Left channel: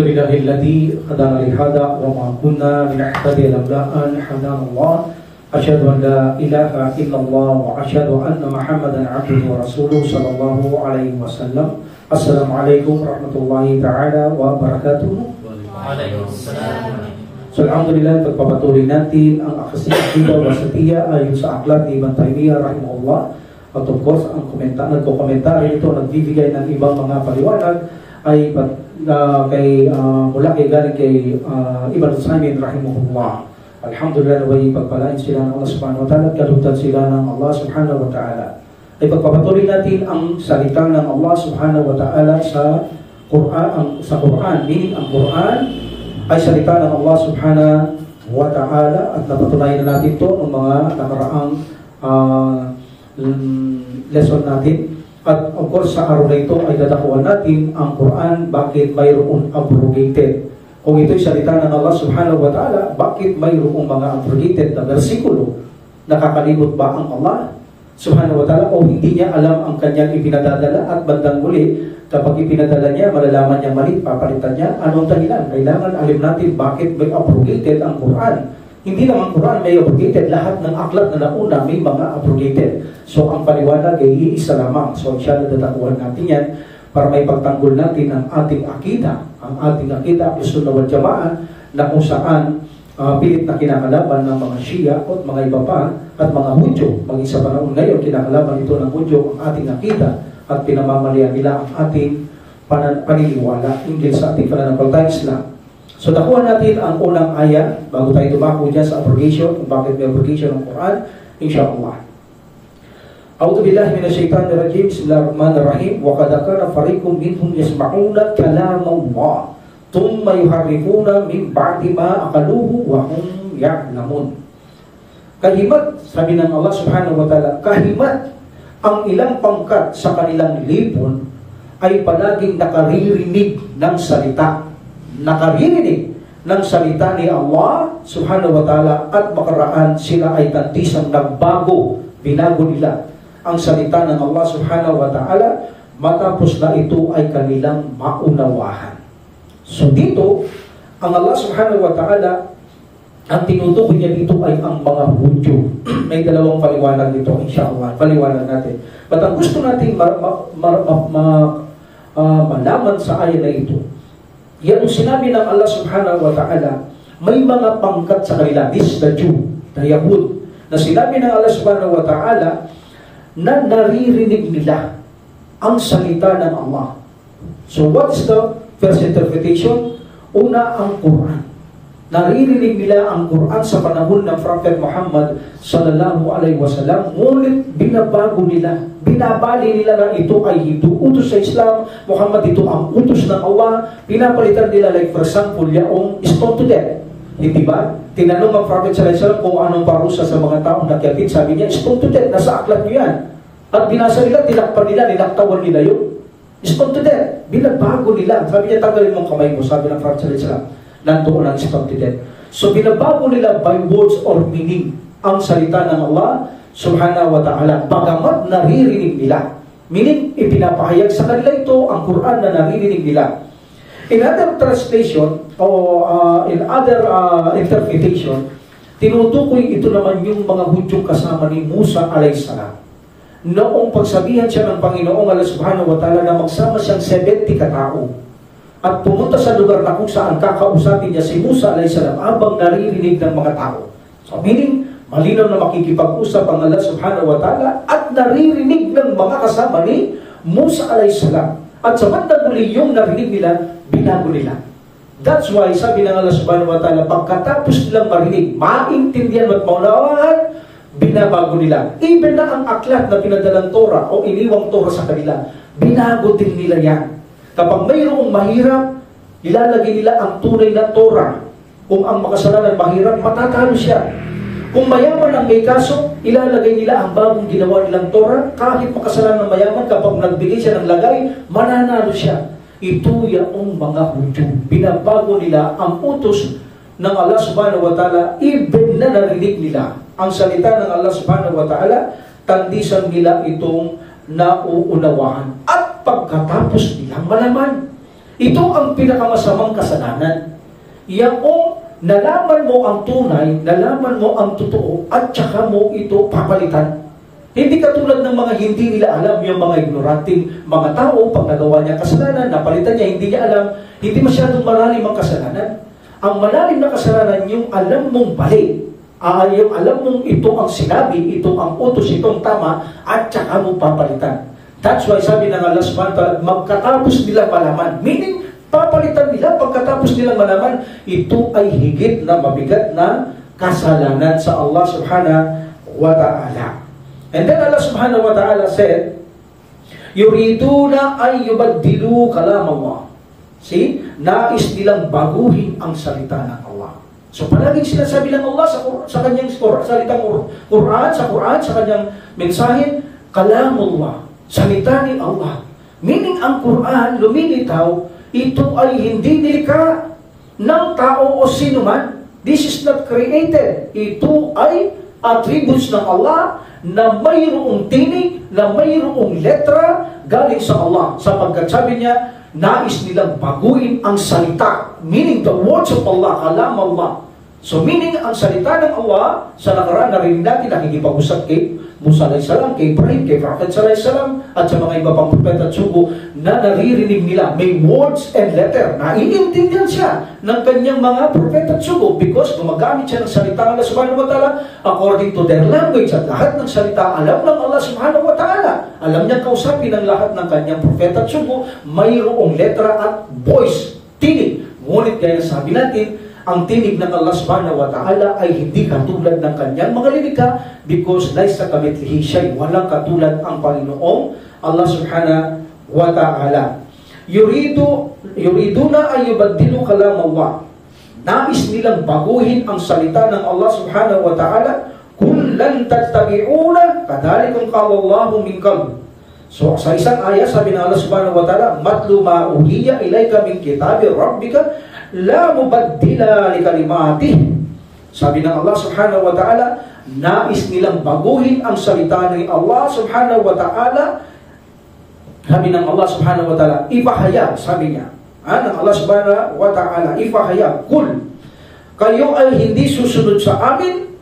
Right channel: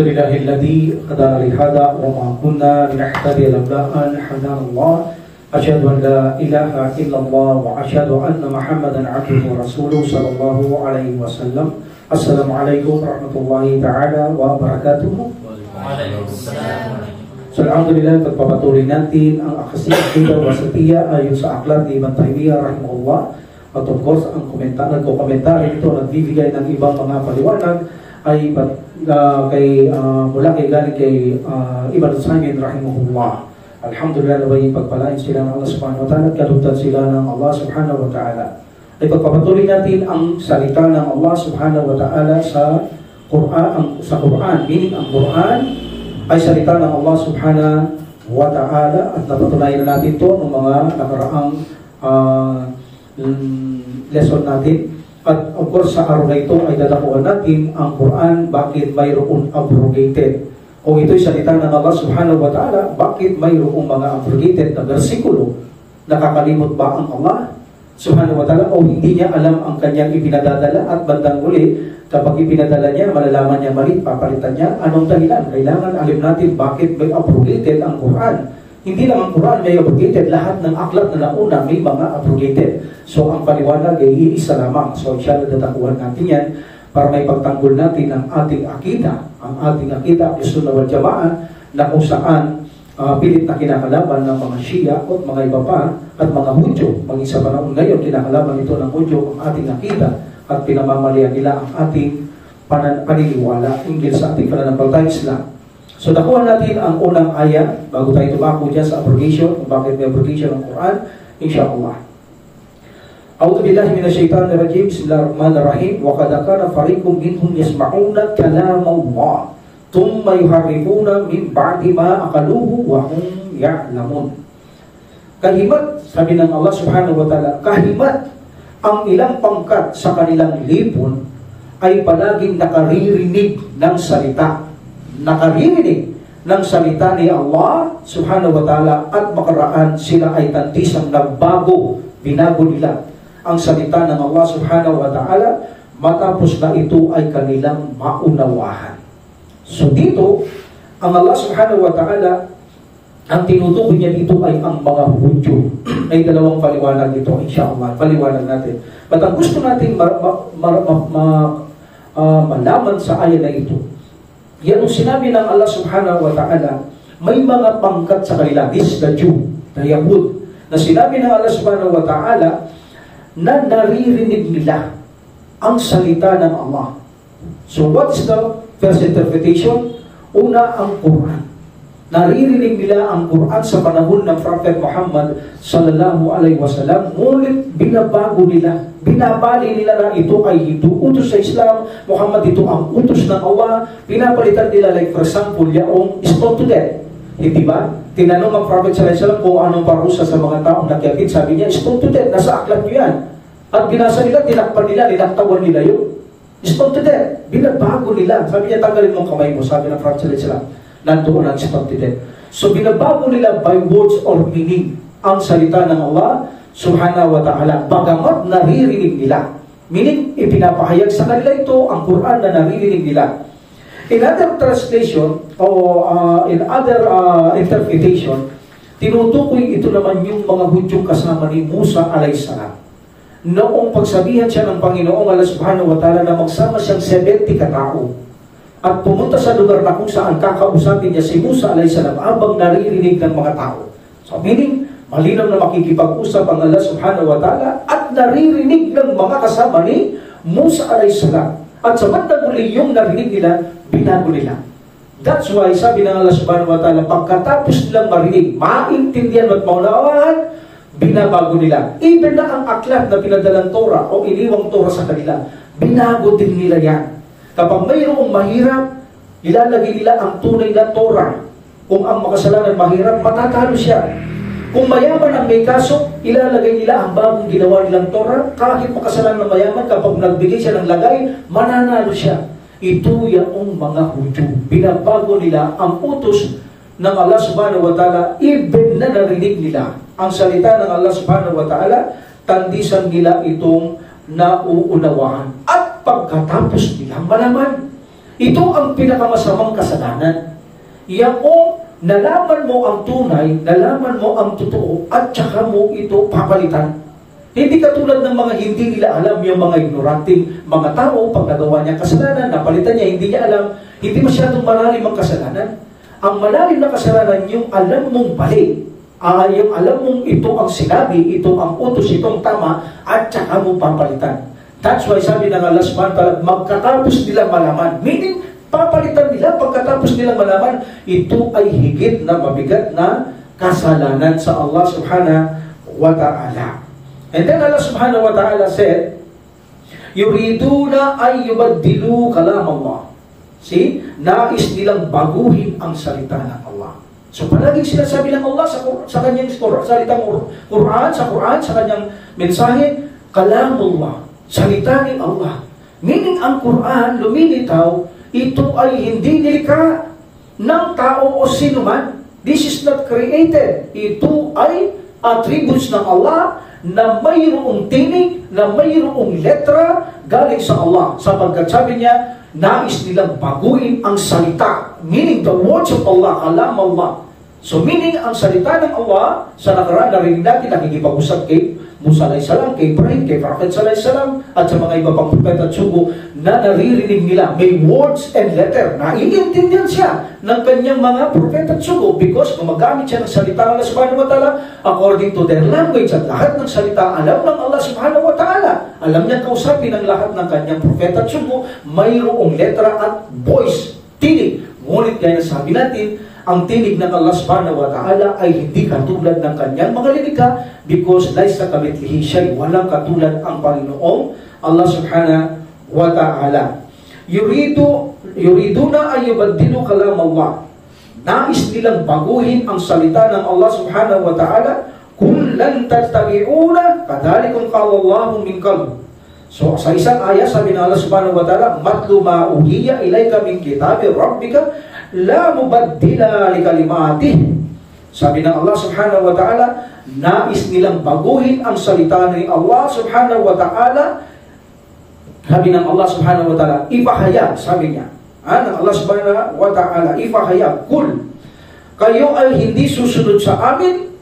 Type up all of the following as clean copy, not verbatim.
Alhamdulillahilladzi hadana li hada wa ma kunna linahtadiya laula an hadana Allah. Asyhadu an la ilaha illallah wa asyhadu anna Muhammadan abduhu wa rasuluhu sallallahu alaihi wasallam. Assalamualaikum warahmatullahi taala wabarakatuh. Waalaikumsalam. So, alhamdulillah, pagpapatuloy natin ang akasya wa setia ayon sa aklat ni Ibn Taymiyyah rahimahullah. At of course, ang nagko-komentary ito, nagbibigay ng ibang mga paliwanag ay mula galing kay Ibn Taymiyyah rahimahullah. Alhamdulillah, naway pagpalain sila ng Allah subhanahu wa ta'ala at kalugtan sila ng Allah subhanahu wa ta'ala. Ay pagpapatuloy natin ang salita ng Allah subhanahu wa ta'ala sa Quran, meaning ang Quran ay salita ng Allah subhanahu wa ta'ala, at napatunayan na natin ito ng mga nakaraang lesson natin. At of course sa araw na ito ay dadakuan natin ang Quran, bakit mayroong abrogated. Kung ito'y salita ng Allah subhanahu wa ta'ala, bakit mayroong mga abrogated na versikulo? Nakakalimot ba ang Allah subhanahu wa ta'ala o hindi niya alam ang kanyang ipinadadala, at bandang muli kapag ipinadala niya, malalaman niya mali, papalitan niya? Anong dahilan? Kailangan alam natin bakit may abrogated ang Quran. Hindi lang ang Quran may abrogated, lahat ng aklat na nauna may mga abrogated. So ang paliwanag ay iisa lamang. So inshallah dadakuhan natin yan para may pagtanggol natin ang ating akida, Sunnah wal Jama'ah, na kung saan pilit na kinakalaban ng mga Shia at mga iba pa at mga Hudyo. Maging sa panahon ngayon, kinakalaban ito ng Hudyo ang ating akida at pinamamalian nila ang ating paniniwala hinggil sa ating pananampalatayang Islam. So nakuha natin ang unang ayat bago tayo tumako dyan sa abrogation, kung bakit may abrogation ng Quran, insyaAllah. A'udhu billahi minasyaitanirrajim. Bismillahirrahmanirrahim. Wa qad kana fariqum minhum yasma'una kalam Allah thumma yuharrifuna min ba'di ma aqaluhu wa hum ya'lamun. Kahimat, sabi ng Allah subhanahu wa ta'ala, kahimat ang ilang pangkat sa kanilang lipon ay palaging nakaririnig ng salita. Nakaririnig ng salita ni Allah subhanahu wa ta'ala, at makaraan sila ay tantisang nagbago, binago nila ang salita ng Allah subhanahu wa ta'ala matapos na ito ay kanilang maunawahan. So dito, ang Allah subhanahu wa ta'ala, ang tinutukoy niya dito ay ang mga Hudyo. May dalawang paliwanag dito, insyaAllah. Paliwanag natin. But ang gusto natin malaman sa ayat na ito, yan ang sinabi ng Allah subhanahu wa ta'ala, may mga pangkat sa kanila, this the Jew, the Yahud, na sinabi ng Allah subhanahu wa ta'ala na naririnig nila ang salita ng Allah. So what is the first interpretation? Una, ang Quran. Naririnig nila ang Quran sa panahon ng Prophet Muhammad sallallahu alaihi wasallam, ngunit binabago nila, binabali nila na ito ay hindi utos sa Islam, Muhammad ito ang utos ng Allah. Pinapalitan nila, like for example, yung stone to death. Hindi ba? Tinanong ang Prophet sallallahu alaihi wasallam kung anong parusa sa mga taong nakyakit. Sabi niya, stone to death, nasa aklat niyo yan. At binasa nila, tinakpan nila, nilaktawan nila yun. Stone to death, binabago nila. Sabi niya, tanggalin mong kamay mo, sabi ng Prophet sallallahu alaihi wasallam. Nandoon ang stone to death. So binabago nila by words or meaning ang salita ng Allah subhanahu wa ta'ala, bagamat naririnig nila. Meaning, ipinapahayag sa kanila ito ang Quran na naririnig nila. In other translation, o in other interpretation, tinutukoy ito naman yung mga Hudyong kasama ni Musa alayhisalam. Noong pagsabihan siya ng Panginoong Allah subhanahu wa ta'ala na magsama siyang 70 katao at pumunta sa lugar na kung saan kakausapin niya si Musa alayhisalam habang naririnig ng mga tao. So meaning, malinaw na makikipag-usap ang Allah subhanahu wa ta'ala at naririnig ng mga kasama ni Musa alayhisalam. At sa bandang muli yung narinig nila, binago nila. That's why sabi ng Allah subhanahu wa ta'ala, pagkatapos nilang marinig, maintindihan at maunawaan, binabago nila. Even na ang aklat na pinadalang Torah o iniwang Torah sa kanila, binago din nila yan. Kapag mayroong mahirap, ilalagay nila ang tunay na Torah. Kung ang makasalanan mahirap, matatalo siya. Kung mayaman ang may kaso, ilalagay nila ang bagong ginawa nilang Torah. Kahit makasalanan ng mayaman, kapag nagbigay siya ng lagay, mananalo siya. Ito yung mga Hudyo. Binabago nila ang utos ng Allah subhanahu wa ta'ala, even na narinig nila ang salita ng Allah subhanahu wa ta'ala, tandisan nila itong nauunawaan. At pagkatapos nilang malaman, Ito ang pinakamasamang kasalanan. Yaong nalaman mo ang tunay, nalaman mo ang totoo, at saka mo ito papalitan. Hindi katulad ng mga hindi nila alam, yung mga ignoranting mga tao, pag nagawa niya kasalanan, napalitan niya, hindi niya alam, hindi masyadong malalim ang kasalanan. Ang malalim na kasalanan, yung alam mong mali, yung alam mong ito ang sinabi, ito ang utos, itong tama, at saka mo papalitan. That's why sabi ng Allah subhanahu wa ta'ala, magkatapos nilang malaman, meaning, papalitan nila pagkatapos nilang malaman, ito ay higit na mabigat na kasalanan sa Allah subhanahu wa ta'ala. And then Allah subhanahu wa ta'ala said, yuriduna ay yubaddilu kalam Allah. See? Nais nilang baguhin ang salita ng Allah. So palaging sinasabi ng Allah sa kanyang salitang Quran, sa kanyang mensahe, kalamullah, salita ni Allah. Meaning ang Quran, lumilitaw, ito ay hindi nilikha ng tao o sinuman. This is not created. Ito ay attributes ng Allah na mayroong tinig, na mayroong letra galing sa Allah. Sapagkat sabi niya, nais nilang baguhin ang salita. Meaning the words of Allah, kalam Allah. So meaning ang salita ng Allah, sa nakaraan narinig natin, nakikipag-usap kay Musa alayhis salam, kay Ibrahim, kay Prophet alayhis salam, at sa mga iba pang propeta at sugo na naririnig nila. May words and letter. Naiintindihan siya ng kanyang mga propeta at sugo because gumagamit siya ng salita ng Allah subhanahu wa ta'ala according to their language. At lahat ng salita alam ng Allah subhanahu wa ta'ala. Alam niya kausapin ang lahat ng kanyang propeta at sugo. Mayroong letra at voice, tinig. Ngunit kaya sabi natin, ang tinig ng Allah subhanahu wa ta'ala ay hindi katulad ng kanyang mga lilikha because laysa kamithlihi shay, walang katulad ang Panginoong Allah subhanahu wa ta'ala. Yuriduna ay yubaddilu kalam Allah. Nais nilang baguhin ang salita ng Allah subhanahu wa ta'ala. Kul lan tattabi'una kadhalikum qala Allahu min qabl. So sa isang ayat sabi ng Allah subhanahu wa ta'ala, matlu ma uhiya ilayka min kitabi rabbika la mubaddila li kalimatih. Sabi ng Allah subhanahu wa ta'ala, nais nilang baguhin ang salita ni Allah subhanahu wa ta'ala. Sabi ng Allah subhanahu wa ta'ala, ipahayag, sabi niya, ng Allah subhanahu wa ta'ala, ipahayag, kul, kayo ay hindi susunod sa amin.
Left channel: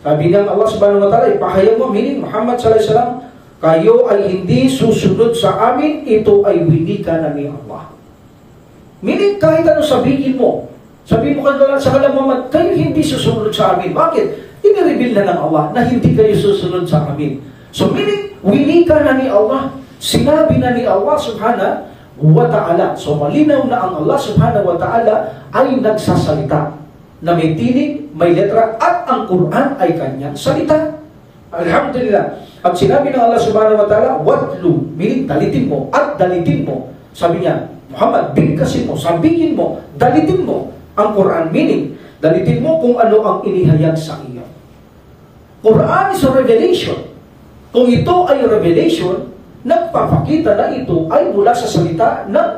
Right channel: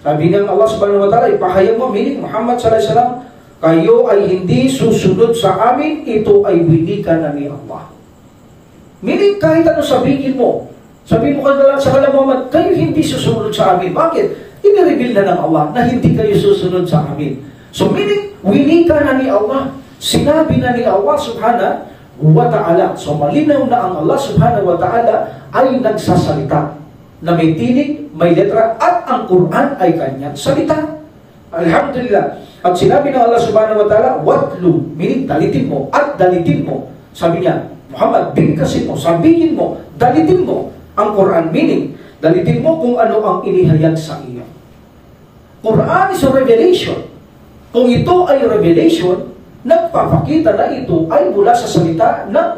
Sabi ng Allah subhanahu wa ta'ala, ipahayag mo, meaning Muhammad sallallahu alaihi wasallam, kayo ay hindi susunod sa amin, ito ay winika na ni Allah. Meaning kahit ano sabihin mo sa kanila Muhammad, kayo hindi susunod sa amin. Bakit? Inireveal na ng Allah na hindi kayo susunod sa amin. So meaning, winika na ni Allah. Sinabi na ni Allah subhanahu wa ta'ala. So malinaw na ang Allah subhanahu wa ta'ala ay nagsasalita na may tinig, may letra, at ang Quran ay kanyang salita. Alhamdulillah. At sinabi ng Allah subhanahu wa ta'ala, watlu, meaning dalitin mo, at dalitin mo. Sabi niya, Muhammad, bigkasin mo, sabihin mo, dalitin mo ang Quran, meaning, dalitin mo kung ano ang inihayag sa iyo. Quran is a revelation. Kung ito ay revelation, nagpapakita na ito ay mula sa salita ng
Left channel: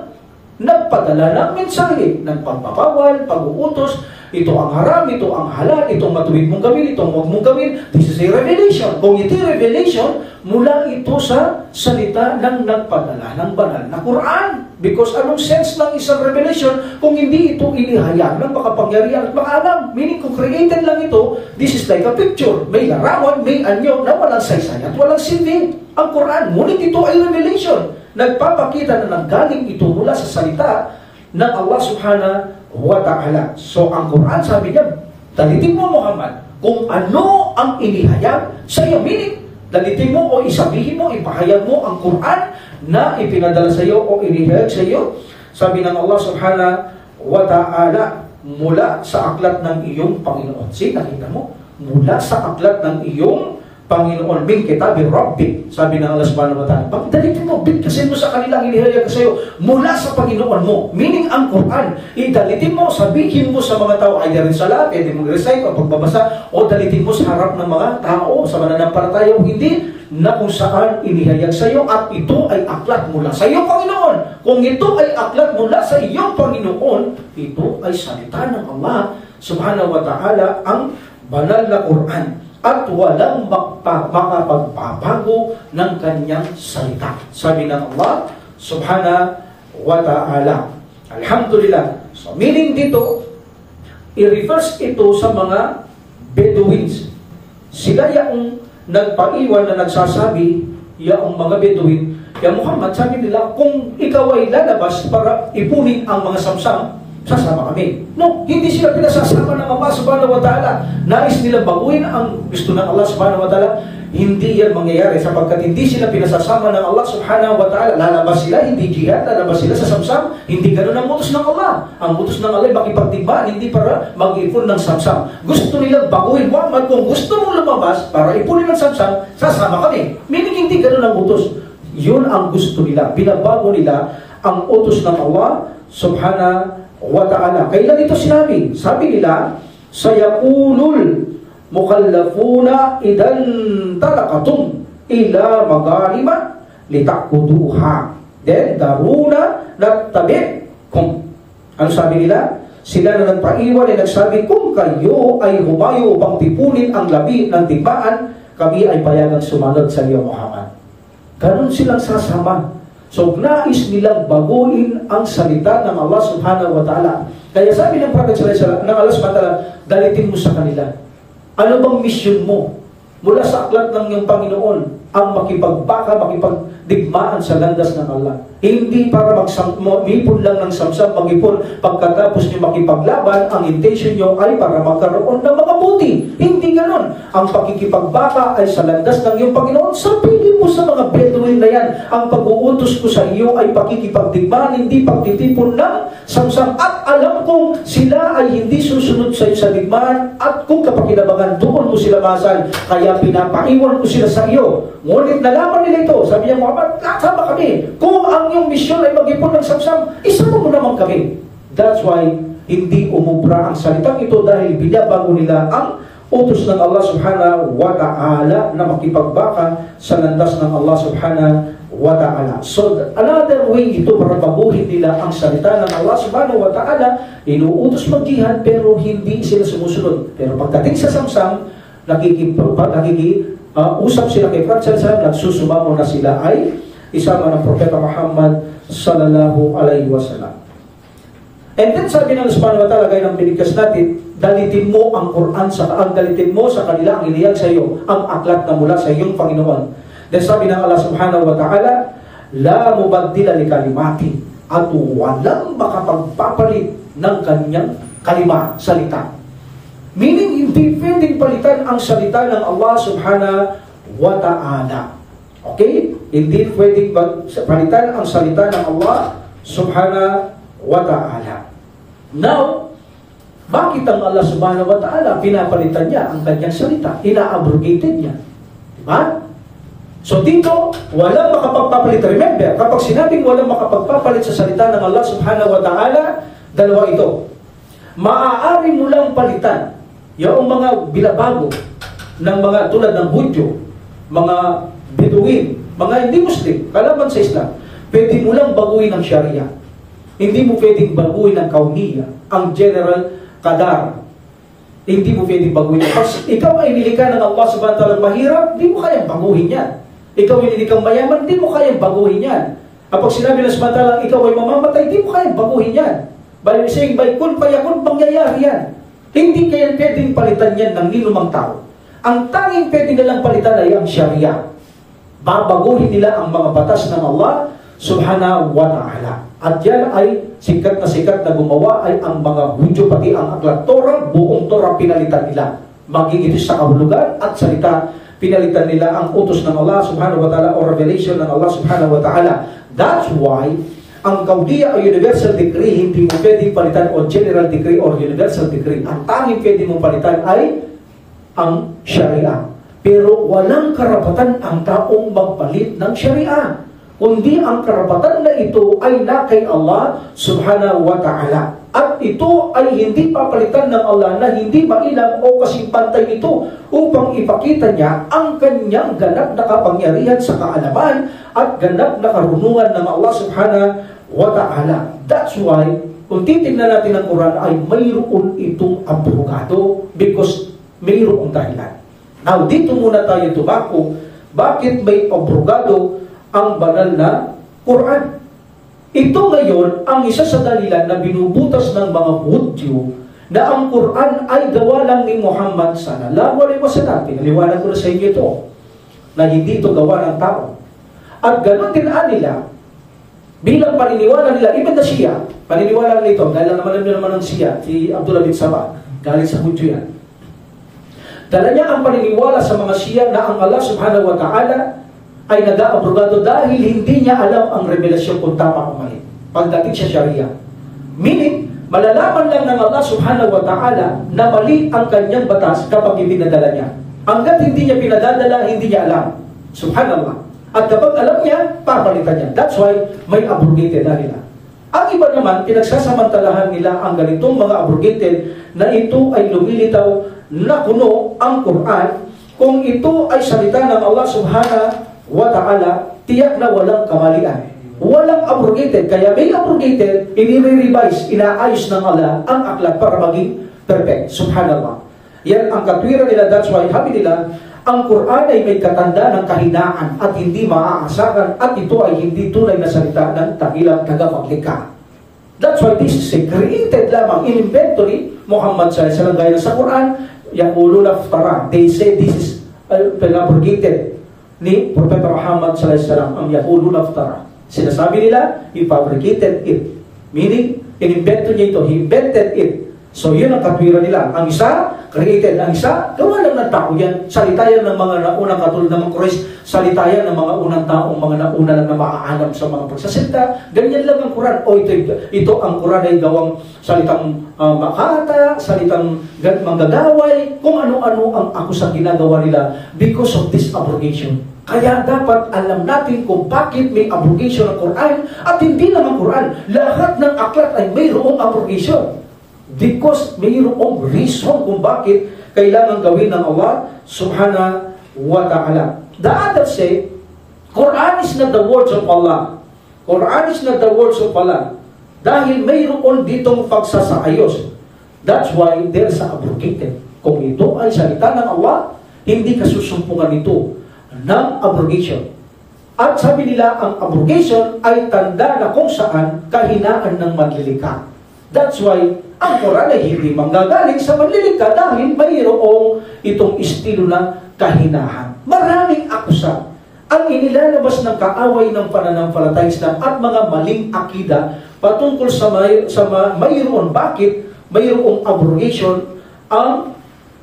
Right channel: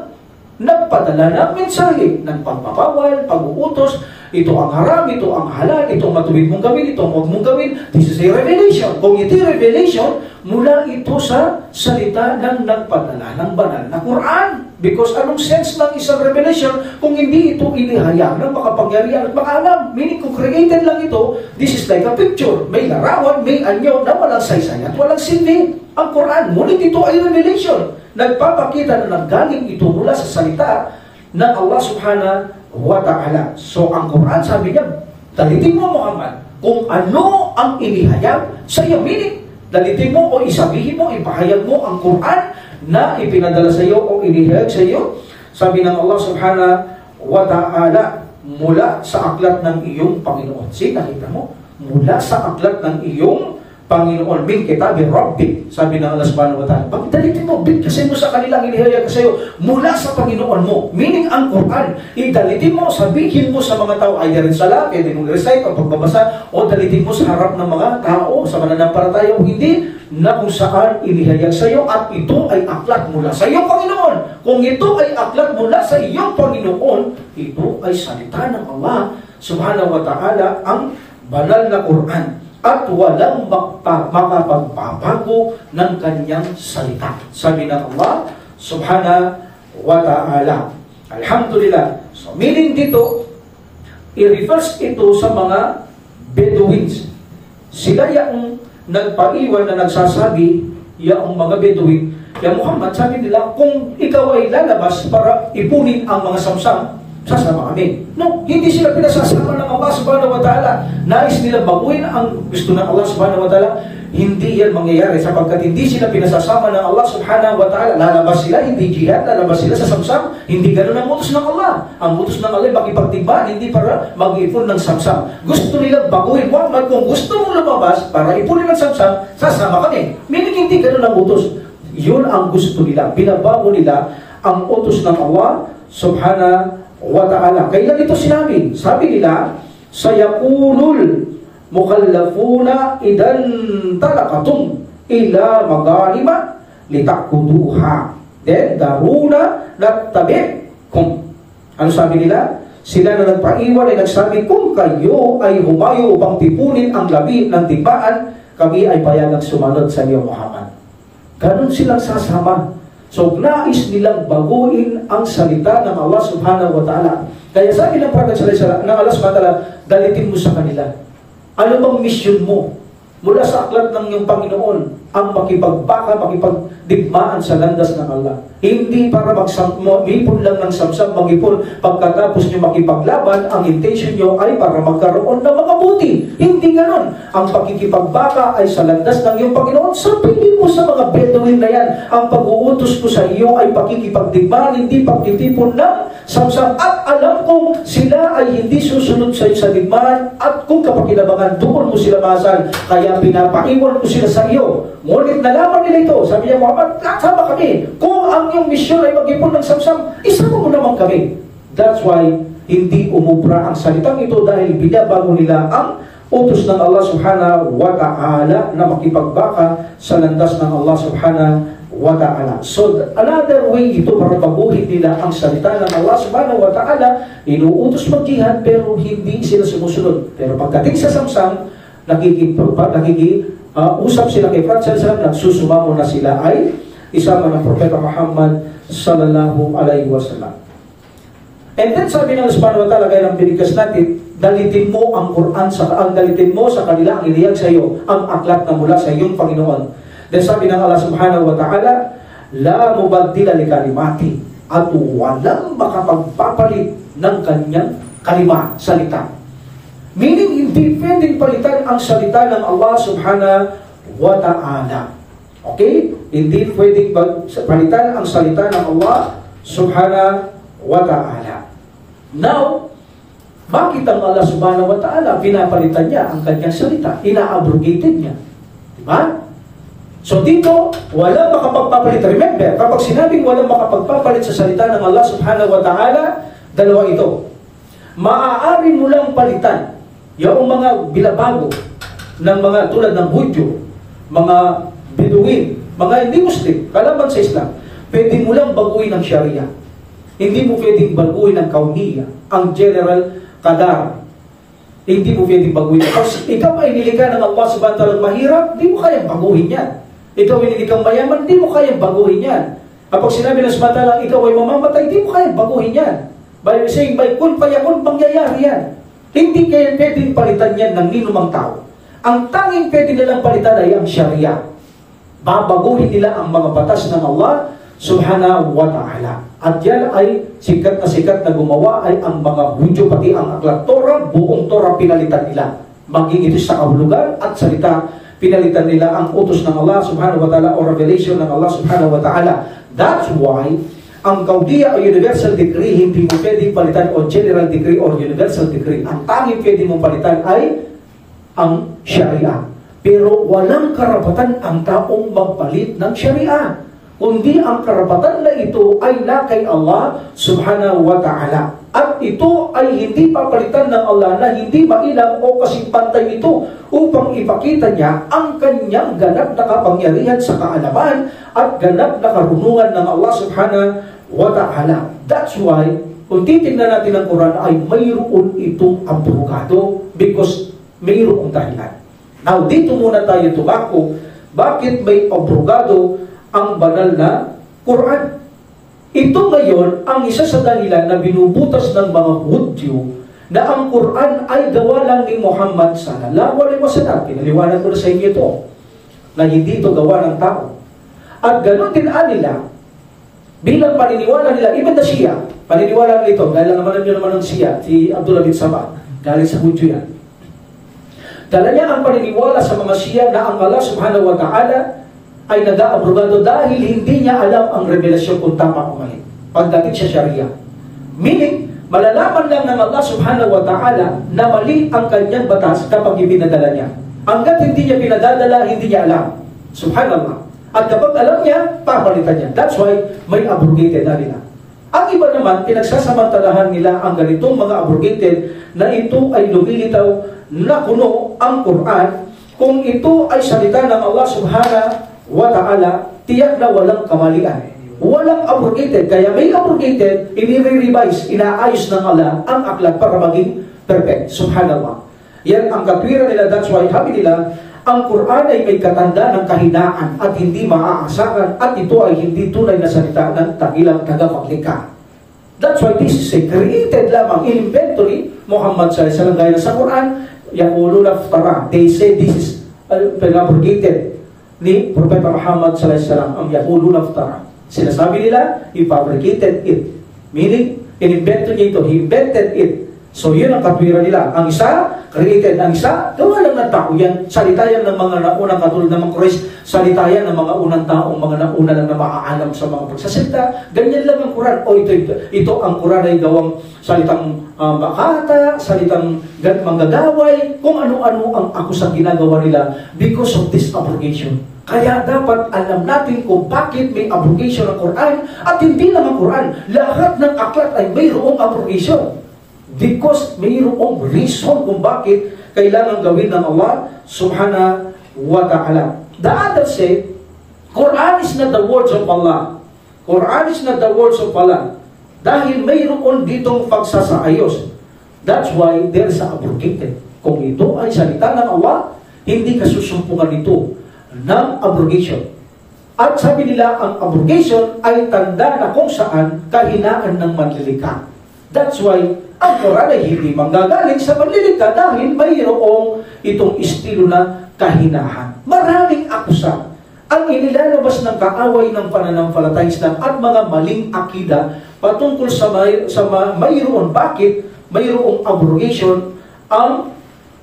nagpadala ng mensahe ng pagbabawal, pag-uutos, ito ang haram, ito ang halal, itong matuwid mong gawin, itong huwag mong gawin. This is a revelation. Kung ito revelation, mula ito sa salita ng nagpadala ng banal na Quran. Because anong sense ng isang revelation kung hindi ito inihayag ng makapangyarihan at makaalam? Meaning kung created lang ito, this is like a picture. May larawan, may anyo na walang saysay at walang silbi. Ang Quran, ngunit ito ay revelation. Nagpapakita na nanggaling ito mula sa salita ng Allah subhanahu wa ta'ala. So ang Quran, sabi niya, dalitin mo Muhammad kung ano ang inihayag sa iyo. Meaning, dalitin mo o isabihin mo, ipahayag mo ang Quran na ipinadala sa iyo o inihayag sa iyo. Sabi ng Allah subhanahu wa ta'ala, mula sa aklat ng iyong Panginoon. See, nakita mo? Mula sa aklat ng iyong Panginoon, min kitabi Rabbik. Sabi ng Allah subhanahu wa ta'ala, pagdalitin mo, bigkasin mo sa kanilang inihayag sa iyo mula sa Panginoon mo. Meaning ang Quran, idalitin mo, sabihin mo sa mga tao, ay rin sala, pwede mong recite o pagbabasa, o dalitin mo sa harap ng mga tao, sa mananampalataya o hindi, na kung saan inihayag sa iyo, at ito ay aklat mula sa iyong Panginoon. Kung ito ay aklat mula sa iyong Panginoon, ito ay salita ng Allah subhanahu wa ta'ala, ang banal na Quran. At walang makapagbabago ng kanyang salita. Sabi ng Allah subhanahu wa ta'ala. Alhamdulillah. So, meaning dito, i-reverse ito sa mga Bedouins. Sila yung nagpaiwan na nagsasabi, yung mga Bedouin, ya Muhammad, sabi nila, kung ikaw ay lalabas para ipunin ang mga samsam, sasama kami. No, hindi sila pinasasama ng Allah subhanahu wa ta'ala. Nais nila baguhin ang gusto ng Allah subhanahu wa ta'ala. Hindi yan mangyayari sapagkat hindi sila pinasasama ng Allah subhanahu wa ta'ala. Lalabas sila, hindi jihad, lalabas sila sa samsam. Hindi ganun ang utos ng Allah. Ang utos ng Allah ay makipagdigmaan, hindi para mag-ipon ng samsam. Gusto nila baguhin. Muhammad, kung gusto mong lumabas para ipunin ng samsam, sasama kami. Meaning hindi ganun ang utos. Yun ang gusto nila. Binabago nila ang utos ng Allah subhanahu wa ta'ala. Kailan ito sinabi? Sabi nila, sayaqulul mukallafuna idan talaqatum ila maghariba litakuduha then daruna nattabi'kum. Ano sabi nila? Sila na nagpaiwan ay nagsabi, kung kayo ay humayo upang tipunin ang labi ng tigbaan, kami ay payagang sumunod sa iyo, Muhammad. Ganun silang sasama. So, nais nilang baguhin ang salita ng Allah subhanahu wa ta'ala. Kaya sabi ng Prophet sallallahu ng Allah subhanahu wa ta'ala, dalitin mo sa kanila. Ano bang mission mo? Mula sa aklat ng iyong Panginoon, ang makipagbaka, makipagdigmaan sa landas ng Allah. Hindi para mag-ipon lang ng samsam, mag-ipon pagkatapos nyo makipaglaban, ang intention nyo ay para magkaroon ng mga buti. Hindi ganon. Ang pakikipagbaka ay sa landas ng iyong Panginoon. Sabihin mo sa mga Bedouin na yan, ang pag-uutos ko sa iyo ay pakikipagdigmaan, hindi pagtitipon ng samsam. At alam kong sila ay hindi susunod sa iyo sa digmaan, at kung kapakinabangan, doon mo sila masal. Kaya pinapaiwan ko sila sa iyo. Ngunit nalaman nila ito. Sabi niya, Muhammad, sama kami. Kung ang iyong misyon ay mag-ipon ng samsam, isama mo naman kami. That's why hindi umubra ang salitang ito dahil binabago nila ang utos ng Allah subhanahu wa ta'ala na makipagbaka sa landas ng Allah subhanahu wa ta'ala. So, another way ito para baguhin nila ang salita ng Allah subhanahu wa ta'ala, inuutos mag-jihad pero hindi sila sumusunod. Pero pagdating sa samsam, usap sila kay Prophet sallallahu alaihi wasallam, nagsusumamo na sila ay isama ng Propeta Muhammad sallallahu alaihi wasallam. And then sabi ng Allah subhanahu wa ta'ala, gaya ng binigkas natin, dalitin mo ang Quran, dalitin mo sa kanila ang iniyag sa iyo, ang aklat na mula sa iyong Panginoon. Then sabi ng Allah subhanahu wa ta'ala, la mubaddila li kalimati, at walang makapagpapalit ng kanyang kalima, salita. Meaning, hindi pwedeng palitan ang salita ng Allah subhanahu wa ta'ala. Okay? Hindi pwedeng palitan ang salita ng Allah subhanahu wa ta'ala. Now, bakit ang Allah subhanahu wa ta'ala pinapalitan niya ang kanyang salita? Ina-abrogated niya. Diba? So dito, walang makapagpapalit. Remember, kapag sinabing walang makapagpapalit sa salita ng Allah subhanahu wa ta'ala, dalawa ito. Maaari mo lang palitan yung mga bilabago ng mga tulad ng Hudyo, mga Bedouin, mga hindi Muslim, kalaban sa Islam. Pwede mo lang baguhin ang Sharia. Hindi mo pwedeng baguhin ang Kauniya, ang General Qadar. Hindi mo pwedeng baguhin. Pag ikaw ay nilikha ng Allah subhanahu wa ta'ala mahirap, hindi mo kayang baguhin yan. Ikaw ay nilikha mayaman, hindi mo kayang baguhin yan. Kapag sinabi ng subhanahu wa ta'ala, ikaw ay mamamatay, hindi mo kayang baguhin yan. By saying, by kun payakun, pangyayari yan. Hindi kaya pwedeng palitan yan ng ninumang tao. Ang tanging pwede nilang palitan ay ang Sharia. Babaguhin nila ang mga batas ng Allah subhanahu wa ta'ala. At yan ay sikat na gumawa ay ang mga Hudyo, pati ang aklat Torah, buong Torah pinalitan nila. Maging ito sa kahulugan at salita, pinalitan nila ang utos ng Allah subhanahu wa ta'ala o revelation ng Allah subhanahu wa ta'ala. That's why ang Kauniya o universal decree hindi mo pwedeng palitan, o general decree or universal decree. Ang tanging pwede mong palitan ay ang Sharia. Pero walang karapatan ang taong magpalit ng Sharia, kundi ang karapatan na ito ay na kay Allah subhanahu wa ta'ala. At ito ay hindi papalitan ng Allah na hindi mailang o kasing pantay nito upang ipakita niya ang kanyang ganap na kapangyarihan sa kaalaman at ganap na karunungan ng Allah subhanahu wa ta'ala. That's why, kung titignan natin ang Quran ay mayroon itong abrogado because mayroong dahilan. Now, dito muna tayo tumako. Bakit may abrogado ang banal na Quran? Ito ngayon ang isa sa dahilan na binubutas ng mga Hudyo na ang Quran ay gawa lang ni Muhammad sallallahu alaihi wasallam. Pinaliwanag ko na sa inyo ito, na hindi ito gawa ng tao. At ganoon din nila, bilang paniniwala nila, even na Shia, paniniwala nila ito, dahil naman ng Shia, si Abdullah bin Sabah, galing sa Hudyo yan. Dala niya ang paniniwala sa mga Shia na ang Allah subhanahu wa ta'ala ay nag-aabrogado dahil hindi niya alam ang revelasyon kung tama o mali pagdating sa Sharia. Meaning, malalaman lang ng Allah subhanahu wa ta'ala na mali ang kanyang batas kapag ipinadala niya. Hanggat hindi niya pinadadala, hindi niya alam. Subhanallah. At kapag alam niya, papalitan niya. That's why may abrogated na nila. Ang iba naman, pinagsasamantalahan nila ang ganitong mga abrogated na ito ay lumilitaw na kuno ang Quran. Kung ito ay salita ng Allah subhanahu wa ta'ala, tiyak na walang kamalian. Walang abrogated. Kaya may abrogated, inire-revise, inaayos ng Allah ang aklat para maging perfect. Subhanallah. Yan ang katwiran nila. That's why sabi nila, ang Quran ay may katanda ng kahinaan at hindi maaasahan at ito ay hindi tunay na salita ng tagilang tagapaglikha. That's why this is a created lamang, inimbento ni Muhammad sallallahu alaihi wasallam. Gaya na sa Quran, yaquluna iftara. They say this is abrogated ni Propeta Muhammad sallallahu alaihi wasallam. Ang yaquluna iftara. Sinasabi nila, he fabricated it. Meaning, inimbento niya ito. He invented it. So, yun ang katwiran nila. Ang isa, created. Ang isa, gawa lang ng tao yan. Salita yan ng mga naunang katulad ng mga Quraysh. Salita yan ng mga unang taong mga nauna lang na maaalam sa mga pagsasalita. Ganyan lang ang Quran. O ito ang Quran ay gawang salitang makata, salitang manggagaway, kung ano-ano ang akusang ginagawa nila because of this abrogation. Kaya dapat alam natin kung bakit may abrogation ng Quran at hindi lang ang Quran. Lahat ng aklat ay mayroong abrogation. Because mayroong reason kung bakit kailangan gawin ng Allah subhanahu wa ta'ala. The others say, Quran is not the words of Allah. Quran is not the words of Allah. Dahil mayroon ditong pagsasaayos. That's why there's abrogated. Kung ito ay salita ng Allah, hindi kasusumpungan ito ng abrogation. At sabi nila, ang abrogation ay tanda na kung saan kahinaan ng manlilikha. That's why ang Quran ay hindi manggagaling sa manlilikha dahil mayroong itong estilo na kahinahan. Maraming akusa ang inilalabas ng kaaway ng pananampalatayang Islam at mga maling akida patungkol sa mayroon. Bakit mayroong abrogation ang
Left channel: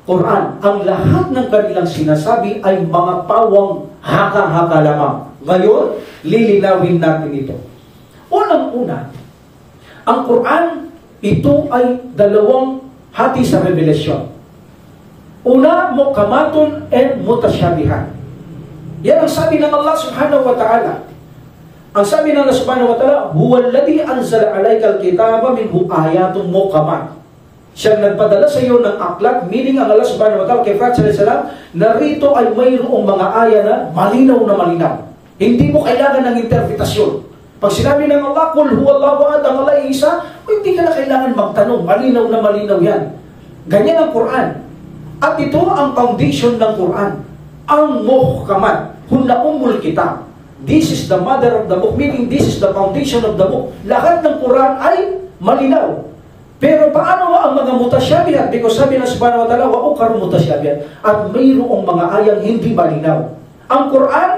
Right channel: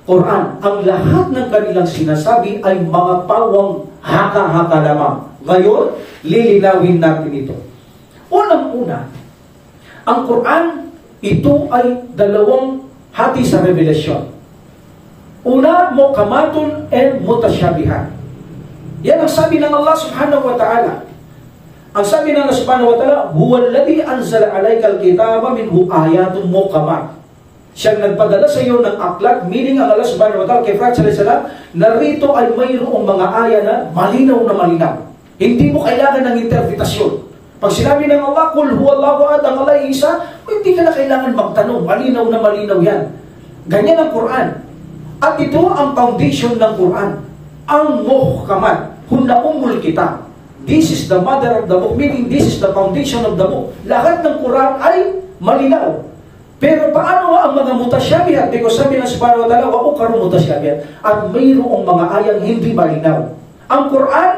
Quran? Ang lahat ng kanilang sinasabi ay mga pawang haka-haka lamang. Ngayon, lilinawin natin ito. Unang-una, ang Quran, ito ay dalawang hati sa revelasyon. Una, mukamatun and mutasyabihan. Yan ang sabi ng Allah subhanahu wa ta'ala. Ang sabi ng Allah subhanahu wa ta'ala, huwalladhi anzala alaykal kitaba minhu ayatun mukamat. Siyang nagpadala sa iyo ng aklat, meaning ang Allah subhanahu wa ta'ala kay Prophet sallallahu alaihi wasallam, narito ay mayroong mga aya na malinaw. Hindi mo kailangan ng interpretasyon. Pag sinabi ng Allah, kul huwallahu ahad, ang Allah ay isa, hindi ka na kailangan magtanong. Malinaw yan. Ganyan ang Quran. At ito ang foundation ng Quran. Ang muhkamat, hunna ummul kitab. This is the mother of the book, meaning this is the foundation of the book. Lahat ng Quran ay malinaw. Pero paano nga ang mga mutasyabihat? Because sabi ng subhanahu wa ta'ala, wa ukaru mutasyabihat. At mayroong mga ayang hindi malinaw. Ang Quran,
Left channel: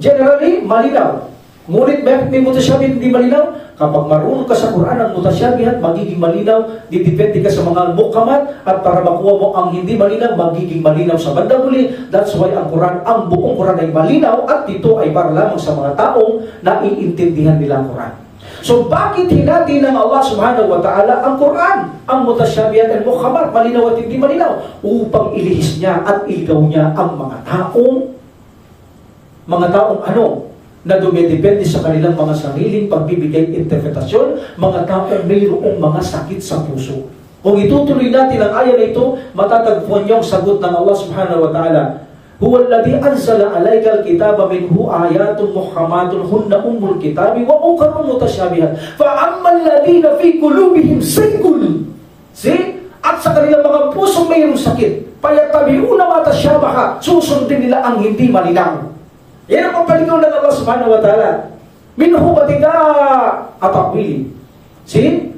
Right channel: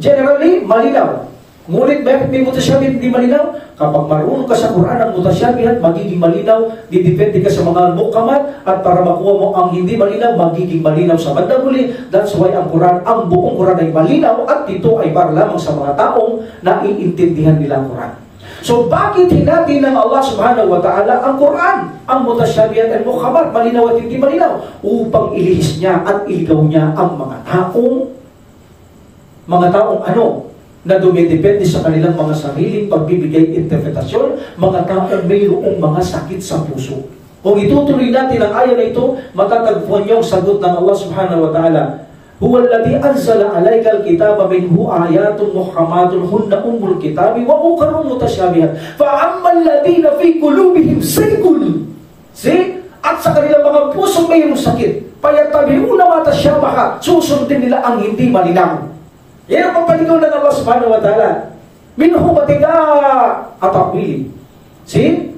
generally, malinaw. Ngunit may mutasyabihat hindi malinaw. Kapag marunong ka sa Quran ang mutasyabihat, magiging malinaw. Didepende ka sa mga mukamat. At para makuha mo ang hindi malinaw, magiging malinaw sa bandang huli. That's why ang Quran, ang buong Quran ay malinaw. At ito ay para lamang sa mga taong naiintindihan nila ang Quran. So bakit hinati ng Allah subhanahu wa ta'ala ang Quran, ang mutasyabihat at mukamat, malinaw at hindi malinaw? Upang ilihis niya at iligaw niya ang mga taong na dumidepende sa kanilang mga sariling pagbibigay interpretasyon, mga taong mayroong mga sakit sa puso. Kung itutuloy natin ang aya na ito, matatagpuan niyo ang sagot ng Allah subhanahu wa ta'ala. Huwalladhi anzala alaykal kitaba minhu ayatun muhkamatun hunna ummul kitabi wa ukarun mutasyabihat. Fa ammal ladina fi qulubihim zaygun. See? At sa kanilang mga pusong mayroong sakit, payattabi'una ma tasyabaha, susundin nila ang hindi malinaw. Yan ang pagpaligaw ng Allah subhanahu wa ta'ala. Minhu batika atawili. See?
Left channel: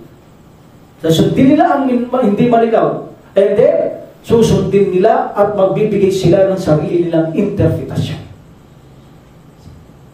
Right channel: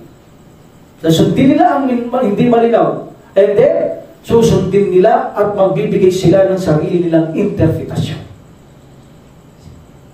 Susundin nila ang hindi malinaw. And then, susundin nila at magbibigay sila ng sarili nilang interpretasyon.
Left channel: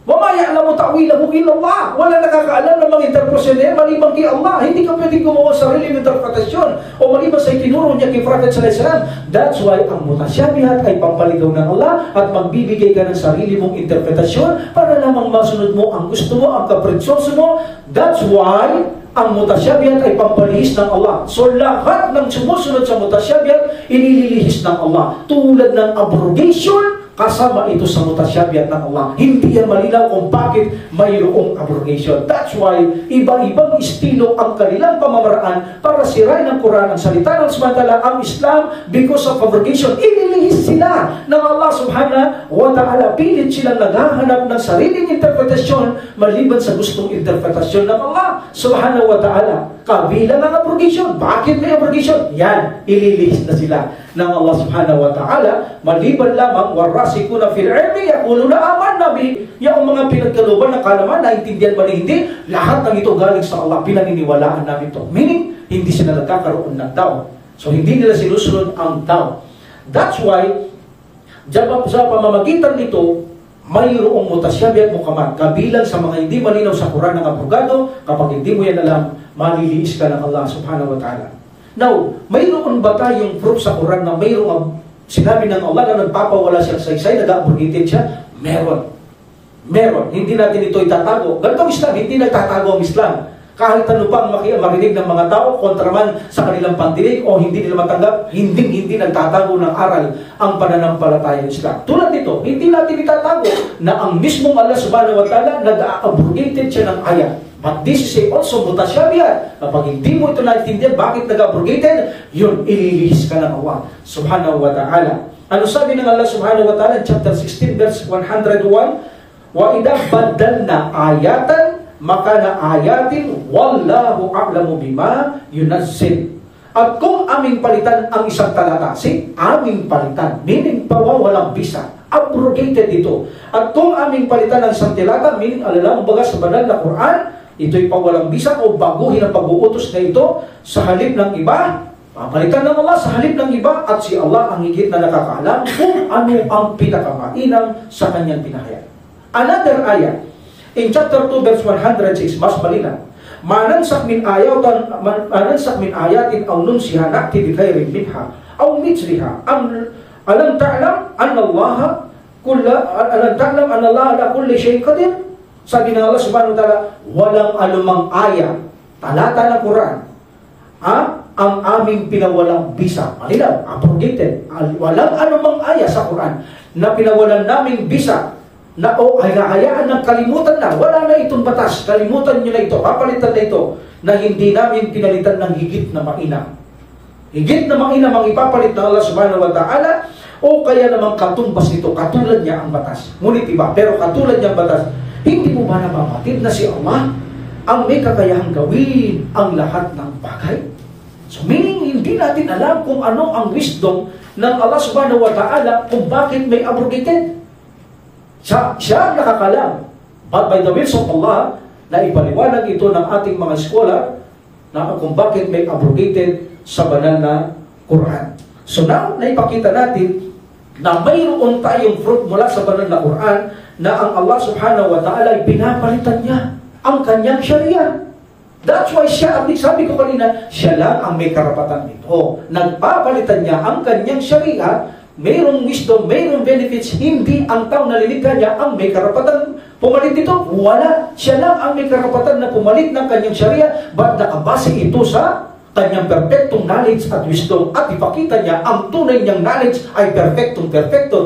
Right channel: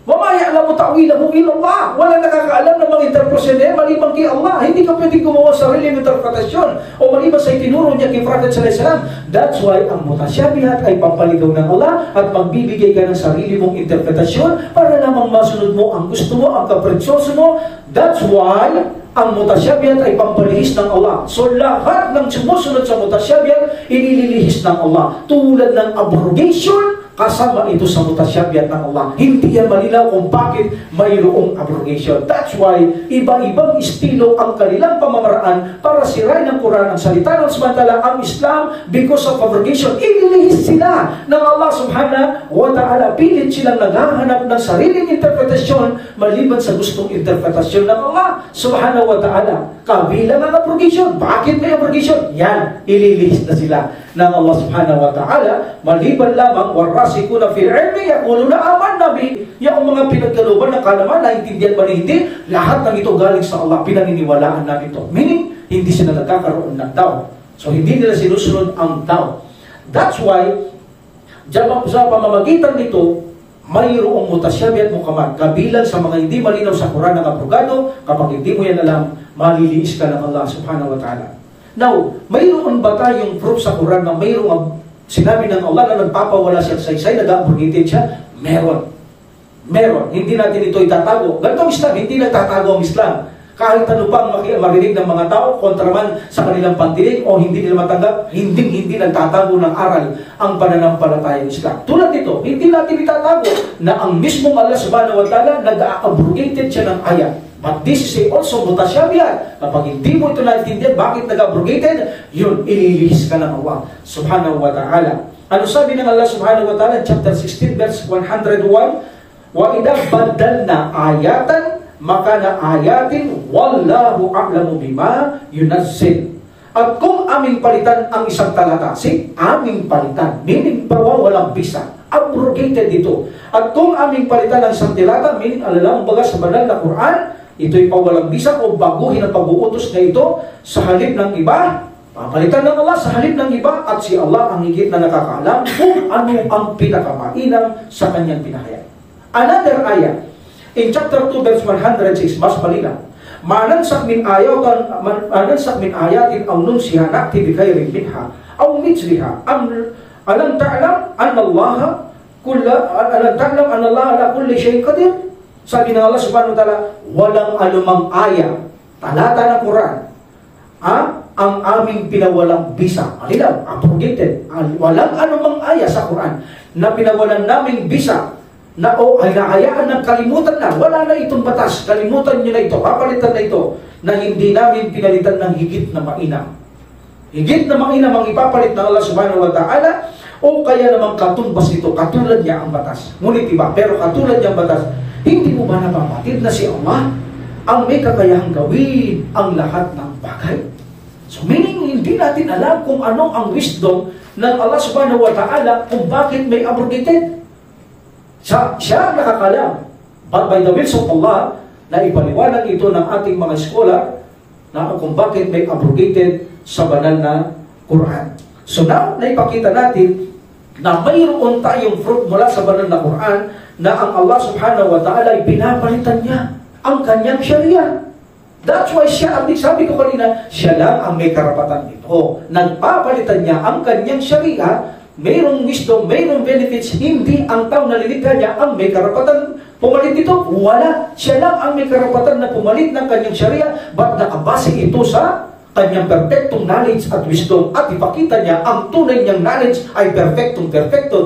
وَمَا يَعْلَمُ تَعْوِيلَهُ إِلَّا اللَّهُ. Walang nakakaalam ng mga interpretasyon niya maliban kay Allah. Hindi ka pwedeng gumawa sa sariling interpretasyon o maliban sa itinuro niya kay Prophet sallallahu alaihi wasallam. That's why ang mutasyabihat ay pampaligaw ng Allah at magbibigay ka ng sarili mong interpretasyon para lamang masunod mo ang gusto mo, ang kapritsyoso mo. That's why ang mutasyabihat ay pampalihis ng Allah. So lahat ng sumusunod sa mutasyabihat, inililihis ng Allah. Tulad ng abrogation, kasama ito sa mutasyabihat ng Allah. Hindi yan malinaw kung bakit mayroong abrogation. That's why iba-ibang estilo ang kanilang pamamaraan para sirain ng Quran, ang salita ng Subhanahu ang Islam because of abrogation. Inilihis sila ng Allah Subhanahu wa Ta'ala. Pilit silang naghahanap ng sariling interpretasyon maliban sa gustong interpretasyon ng Allah Subhanahu wa Ta'ala. Kabilang ang abrogation. Bakit may abrogation? Yan, ililihis na sila ng Allah Subhanahu wa Ta'ala maliban lamang warasikuna fil ilmi yaquluna amanna bi. Yung mga pinagkaluban ng kalaman, naintindihan ba na hindi? Lahat ng ito galing sa Allah, pinaniniwalaan namin ito. Meaning, hindi sila nagkakaroon ng doubt. So hindi nila sinusunod ang doubt. That's why sa pamamagitan nito mayroong mutasyabi at mukamad. Kabilang sa mga hindi malinaw sa Quran ng abrogado, kapag hindi mo yan alam, maliliis ka ng Allah Subhanahu wa Ta'ala. Now, mayroon ba tayong proof sa Quran na mayroong sinabi ng Allah na nagpapawala siya sa saysay, nag-abrogated siya? Meron. Meron. Hindi natin ito itatago. Ganitong Islam, hindi nagtatago ang Islam. Kahit ano pang marinig ng mga tao, kontraman sa kanilang pandinig o hindi nila matanggap, hindi nagtatago ng aral ang pananampalatayang Islam. Tulad nito, hindi natin itatago na ang mismong Allah Subhanahu wa Ta'ala nag-abrogated siya ng ayat. But this is also mutasyabihat. Kapag hindi mo ito naintindihan, bakit nag-abrogated? Yun, ililihis ka ng Allah Subhanahu wa Ta'ala. Ano sabi ng Allah Subhanahu wa Ta'ala in chapter 16 verse 101? Wa idha badalna ayatan makana ayatin wallahu a'lamu bima yunazzil. At kung aming palitan ang isang talata, aming palitan, meaning pawawalang bisa, abrogated ito. At kung aming palitan ang isang talata, meaning alalang baga sa banal na Quran, ito'y pawalang bisa o baguhin ang pag-uutos na ito sa halip ng iba, papalitan ng Allah sa halip ng iba, at si Allah ang higit na nakakaalam kung ano ang pinakamainam sa kanyang pinahayag. Another ayah, in chapter 2 verse 106, mas malinaw. Manansak min ayatin aw nunsiha na'ti bi khairin minha aw mithliha alam ta'lam anna Allah ala kulli shay'in qadir. Sabi ng Allah Subhanahu wa Ta'ala, walang anumang aya, talata ng Quran, ang aming pinawalang bisa. Malinaw, abrogated. Walang anumang aya sa Quran na pinawalan naming bisa na ay nahayaan ng kalimutan na, wala na itong batas, kalimutan nyo na ito, papalitan na ito, na hindi namin pinalitan ng higit na mainam. Higit na mainam ang ipapalit ng Allah Subhanahu wa Ta'ala, o kaya namang katumbas nito, katulad niya ang batas. Ngunit iba, pero katulad niya ang batas. Hindi mo ba napapatid na si Allah ang may kakayahang gawin ang lahat ng bagay? So meaning, hindi natin alam kung ano ang wisdom ng Allah Subhanahu wa Ta'ala kung bakit may abrogated. Siya ang nakakalam. But by the will of Allah, na ipaliwanag ito ng ating mga scholar na kung bakit may abrogated sa banal na Quran. So now, naipakita natin na mayroon tayong fruit mula sa banal na Quran na ang Allah Subhanahu wa Ta'ala ay pinapalitan niya ang kanyang Sharia. That's why siya, sabi ko kanina, siya lang ang may karapatan nito. Nagpapalitan niya ang kanyang Sharia. Mayroong wisdom, mayroong benefits, hindi ang tao na lilikha niya ang may karapatan pumalit dito. Wala. Siya lang ang may karapatan na pumalit ng kanyang Sharia, but nakabase ito sa kanyang perfectong knowledge at wisdom, at ipakita niya ang tunay niyang knowledge ay perfecto.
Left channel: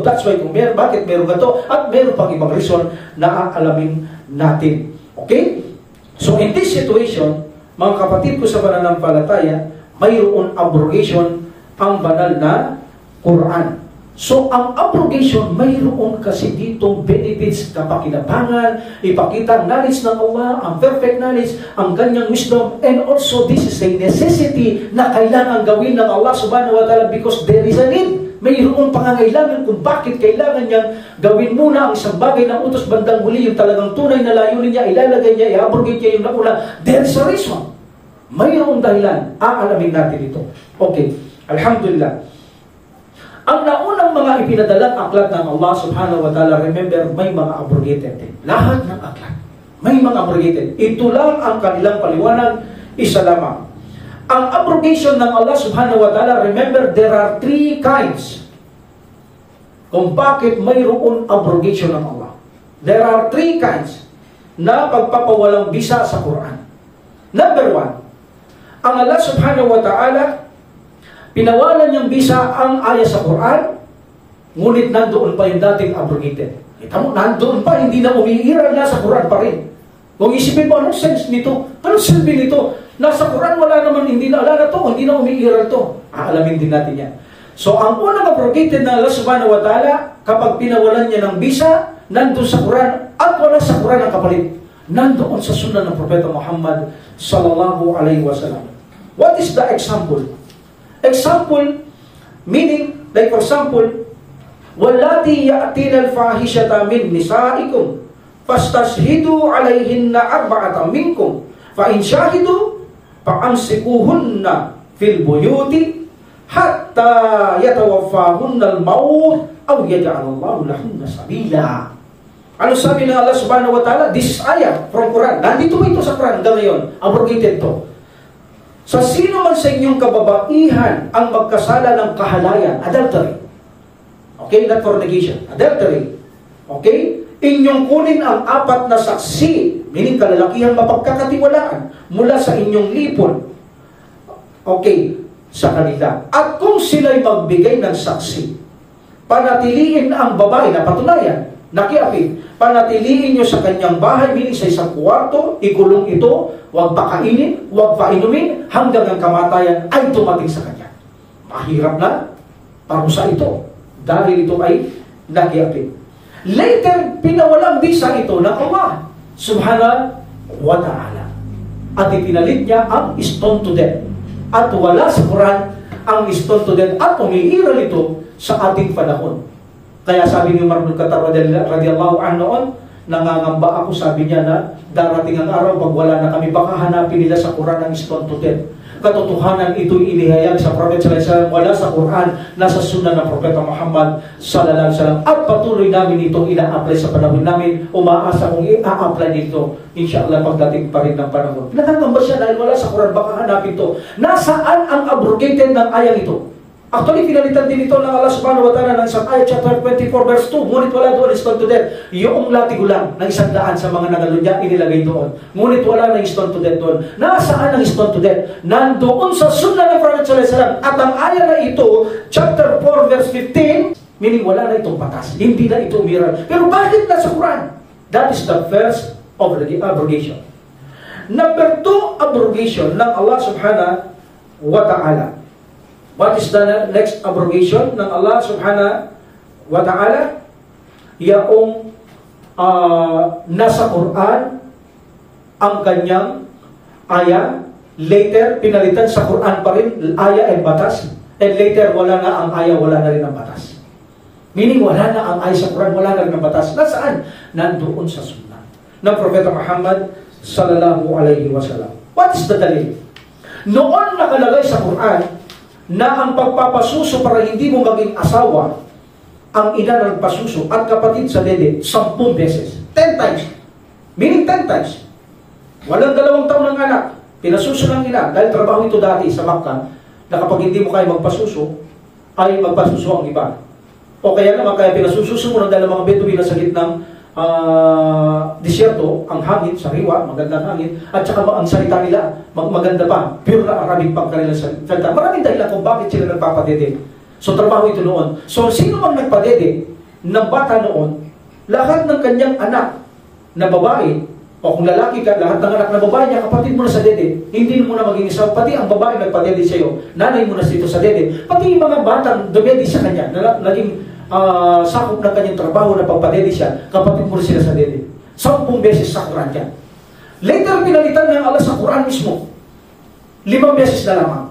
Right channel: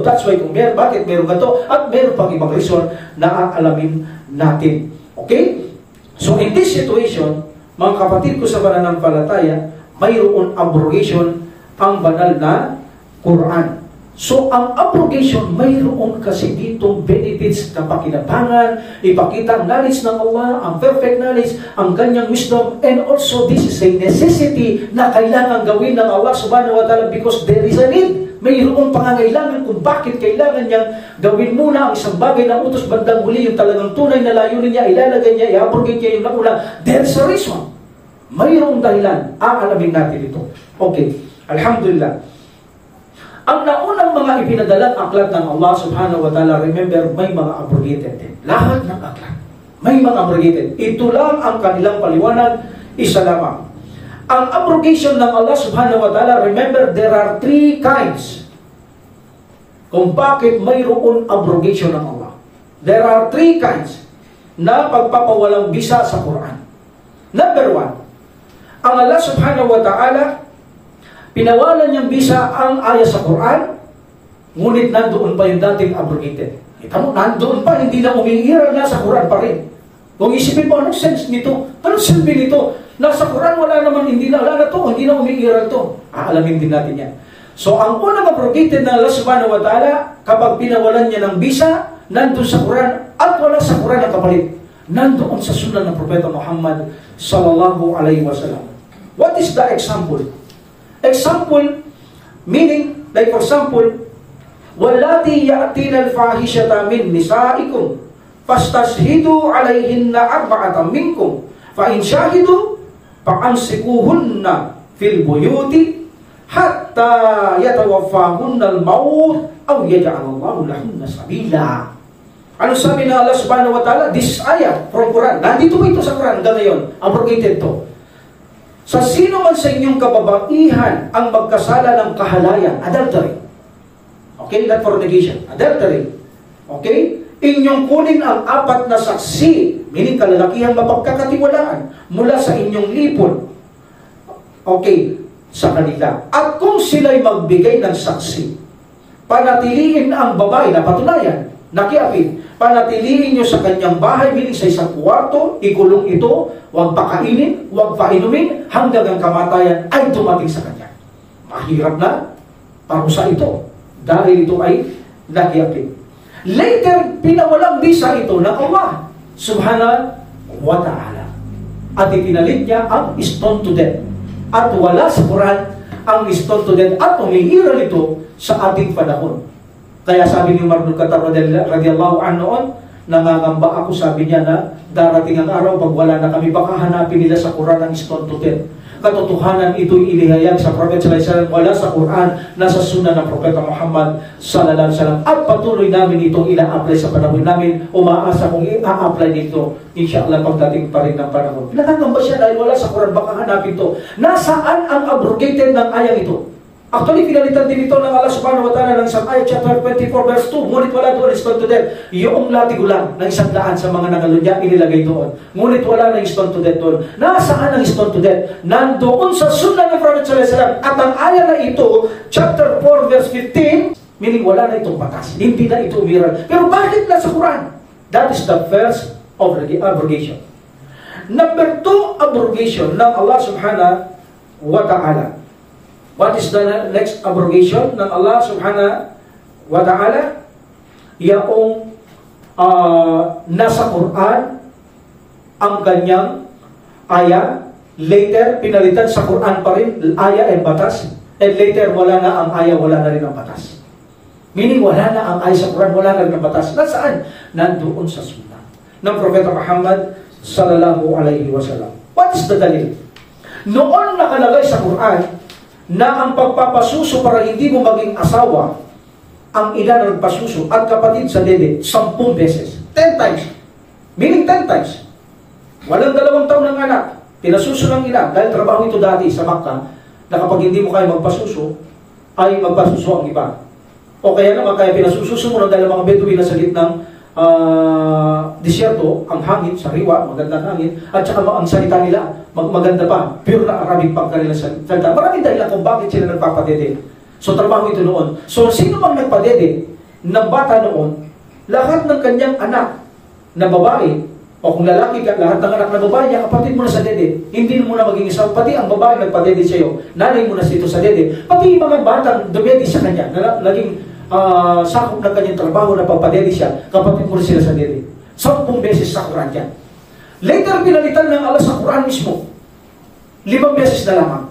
That's why kung bakit meron gato at meron pang ibang reason na aalamin natin. Okay? So in this situation, mga kapatid ko sa pananampalataya, mayroon abrogation ang banal na Quran. So, ang abrogation, mayroon kasi ditong benefits, kapakinabangan, ipakita ang knowledge ng Allah, ang perfect knowledge, ang kanyang wisdom, and also this is a necessity na kailangan gawin ng Allah Subhanahu wa Ta'ala because there is a need. mayroong pangangailangan kung bakit kailangan niyang gawin muna ang isang bagay na utos bandang huli, yung talagang tunay na layunin niya, ilalagay niya, i-abrogate niya yung nauna. There's a reason. Mayroong dahilan. Aalamin natin ito. Okay. Alhamdulillah. Ang naunang mga ipinadalang aklat ng Allah subhanahu wa ta'ala, remember, may mga abrogated din. Lahat ng aklat. May mga abrogated. Ito lang ang kanilang paliwanag, isa lamang. Ang abrogation ng Allah subhanahu wa ta'ala, remember, there are 3 kinds. Kung bakit mayroon abrogation ng Allah. There are 3 kinds na pagpapawalang bisa sa Quran. Number 1, ang Allah subhanahu wa ta'ala, pinawalan niyang bisa ang ayah sa Quran, ngunit nandoon pa yung dating abrogated. Kita mo, nandoon pa, hindi na umiiral na sa Quran pa rin. Kung isipin mo, anong sense nito? Anong silbi nito? Nasa Quran, wala naman, wala na to, hindi na umiiral to. Aalamin din natin yan. So, ang unang abrogated na Allah subhanahu wa ta'ala, kapag pinawalan niya ng bisa, nandun sa Quran, at wala sa Quran ang kapalit. Nandoon sa sunnah ng Propeta Muhammad sallallahu alaihi wasallam. What is the example? Example, meaning, like for example, وَالَّاتِي يَأْتِينَ الْفَاحِشَةَ مِنْ نِسَائِكُمْ فَاسْتَشْهِدُوا عَلَيْهِنَّ 4 مِنْكُمْ فَإِنْ شَهِدُوا فَأَمْسِكُوهُنَّ فِي الْبُيُوتِ حَتَّى يَتَوَفَّاهُنَّ الْمَوْتُ أَوْ يَجْعَلَ اللَّهُ لَهُنَّ سَبِيلًا. Ano sabi ng Allah subhanahu wa ta'ala? This is ayah from Quran. Nandito ito sa Quran hanggang ngayon. Abrogated to. Sa sino man sa inyong kababaihan ang magkasala ng kahalayan, adultery. Okay, not fornication. Adultery. Okay? Inyong kunin ang 4 na saksi, meaning kalalakihang mapagkakatiwalaan mula sa inyong lipon. Okay, sa kanila. At kung sila'y magbigay ng saksi, panatiliin ang babae na patunayan, nakiapin, panatiliin nyo sa kanyang bahay, meaning sa isang kwarto, ikulong ito, huwag pakainin, huwag painumin, hanggang ang kamatayan ay tumating sa kanya. Mahirap na parusa ito, dahil ito ay nakiapin. Later, pinawalang bisa ito ng Allah subhanahu wa ta'ala. At ipinalit niya ang stone to death. At wala sa Quran ang stone to death at umiiral ito sa ating panahon. Kaya sabi ni Umar bin Khattab radiyallahu anhu noon, nangangamba ako, sabi niya, na darating ang araw pag wala na kami, baka hanapin nila sa Quran ang stone to death. Katotohanan ito'y inihayag sa Prophet sallallahu alaihi wasallam, wala sa Quran, nasa sunnah ng Propeta Muhammad sallallahu alaihi wasallam. At patuloy namin itong ina-apply sa panahon namin. Umaasa kong i-apply dito, inshallah, pagdating pa rin ng panahon. Nakakamba siya dahil wala sa Quran, baka hanapin ito. Nasaan ang abrogated ng ayang ito? Actually, pinalitan din ito ng Allah subhanahu wa ta'ala ng isang ayat, chapter 24, verse 2. Ngunit wala doon stone to death. Yung latigulang ng 100 sa mga nagalunyan, inilagay doon. Ngunit wala ng stone to death doon. Nasaan ang stone to death? Nandoon sa sunnah ng Prophet sallallahu alaihi wasallam. At ang ayat na ito, chapter 4, verse 15, meaning wala na itong batas. Hindi na ito umiral. Pero bakit na sa Quran? That is the first abrogation. Number 2, abrogation ng Allah subhanahu wa ta'ala. What is the next abrogation ng Allah subhanahu wa ta'ala? Yaong nasa Quran ang kanyang ayah, later pinalitan sa Quran pa rin, ayah and batas, and later wala na ang ayah, wala na rin ang batas. Meaning wala na ang ayah sa Quran, wala na rin ang batas. Nasaan? Nandoon sa sunnah ng Propeta Muhammad sallallahu alaihi wasallam. What is the dalil? Noon nakalagay sa Quran na ang pagpapasuso para hindi mo maging asawa, ang ina na nagpasuso at kapatid sa dede, 10 beses. 10 times. Meaning 10 times. Walang 2 taon ng anak. Pinasuso ng ina. Dahil trabaho ito dati sa Makkah, na kapag hindi mo kaya magpasuso, ay magpasuso ang iba. O kaya naman, kaya pinasususo mo ng dahil mga Bedouin na sa gitnang disyerto, ang hangin, sariwa, magandang hangin, at saka ang salita nila, maganda pa, pure na Arabic pang kanilang salita. Maraming dahilan kung bakit sila nagpapadede. So, trabaho ito noon. So, sino mang nagpadede ng bata noon, lahat ng kanyang anak na babae, o kung lalaki ka, lahat ng anak na babae niya, kapatid mo na sa dede, hindi mo na maging isaw, pati ang babae nagpadede sa iyo, nanay mo na sito sa dede, pati yung mga batang dumedi sa kanya, na naging sakop ng kanyang trabaho na pagpadede siya, kapatid mo sila sa dede. 10 beses sa Quran yan. Later, pinalitan ng Allah sa Quran mismo. 5 beses na lamang.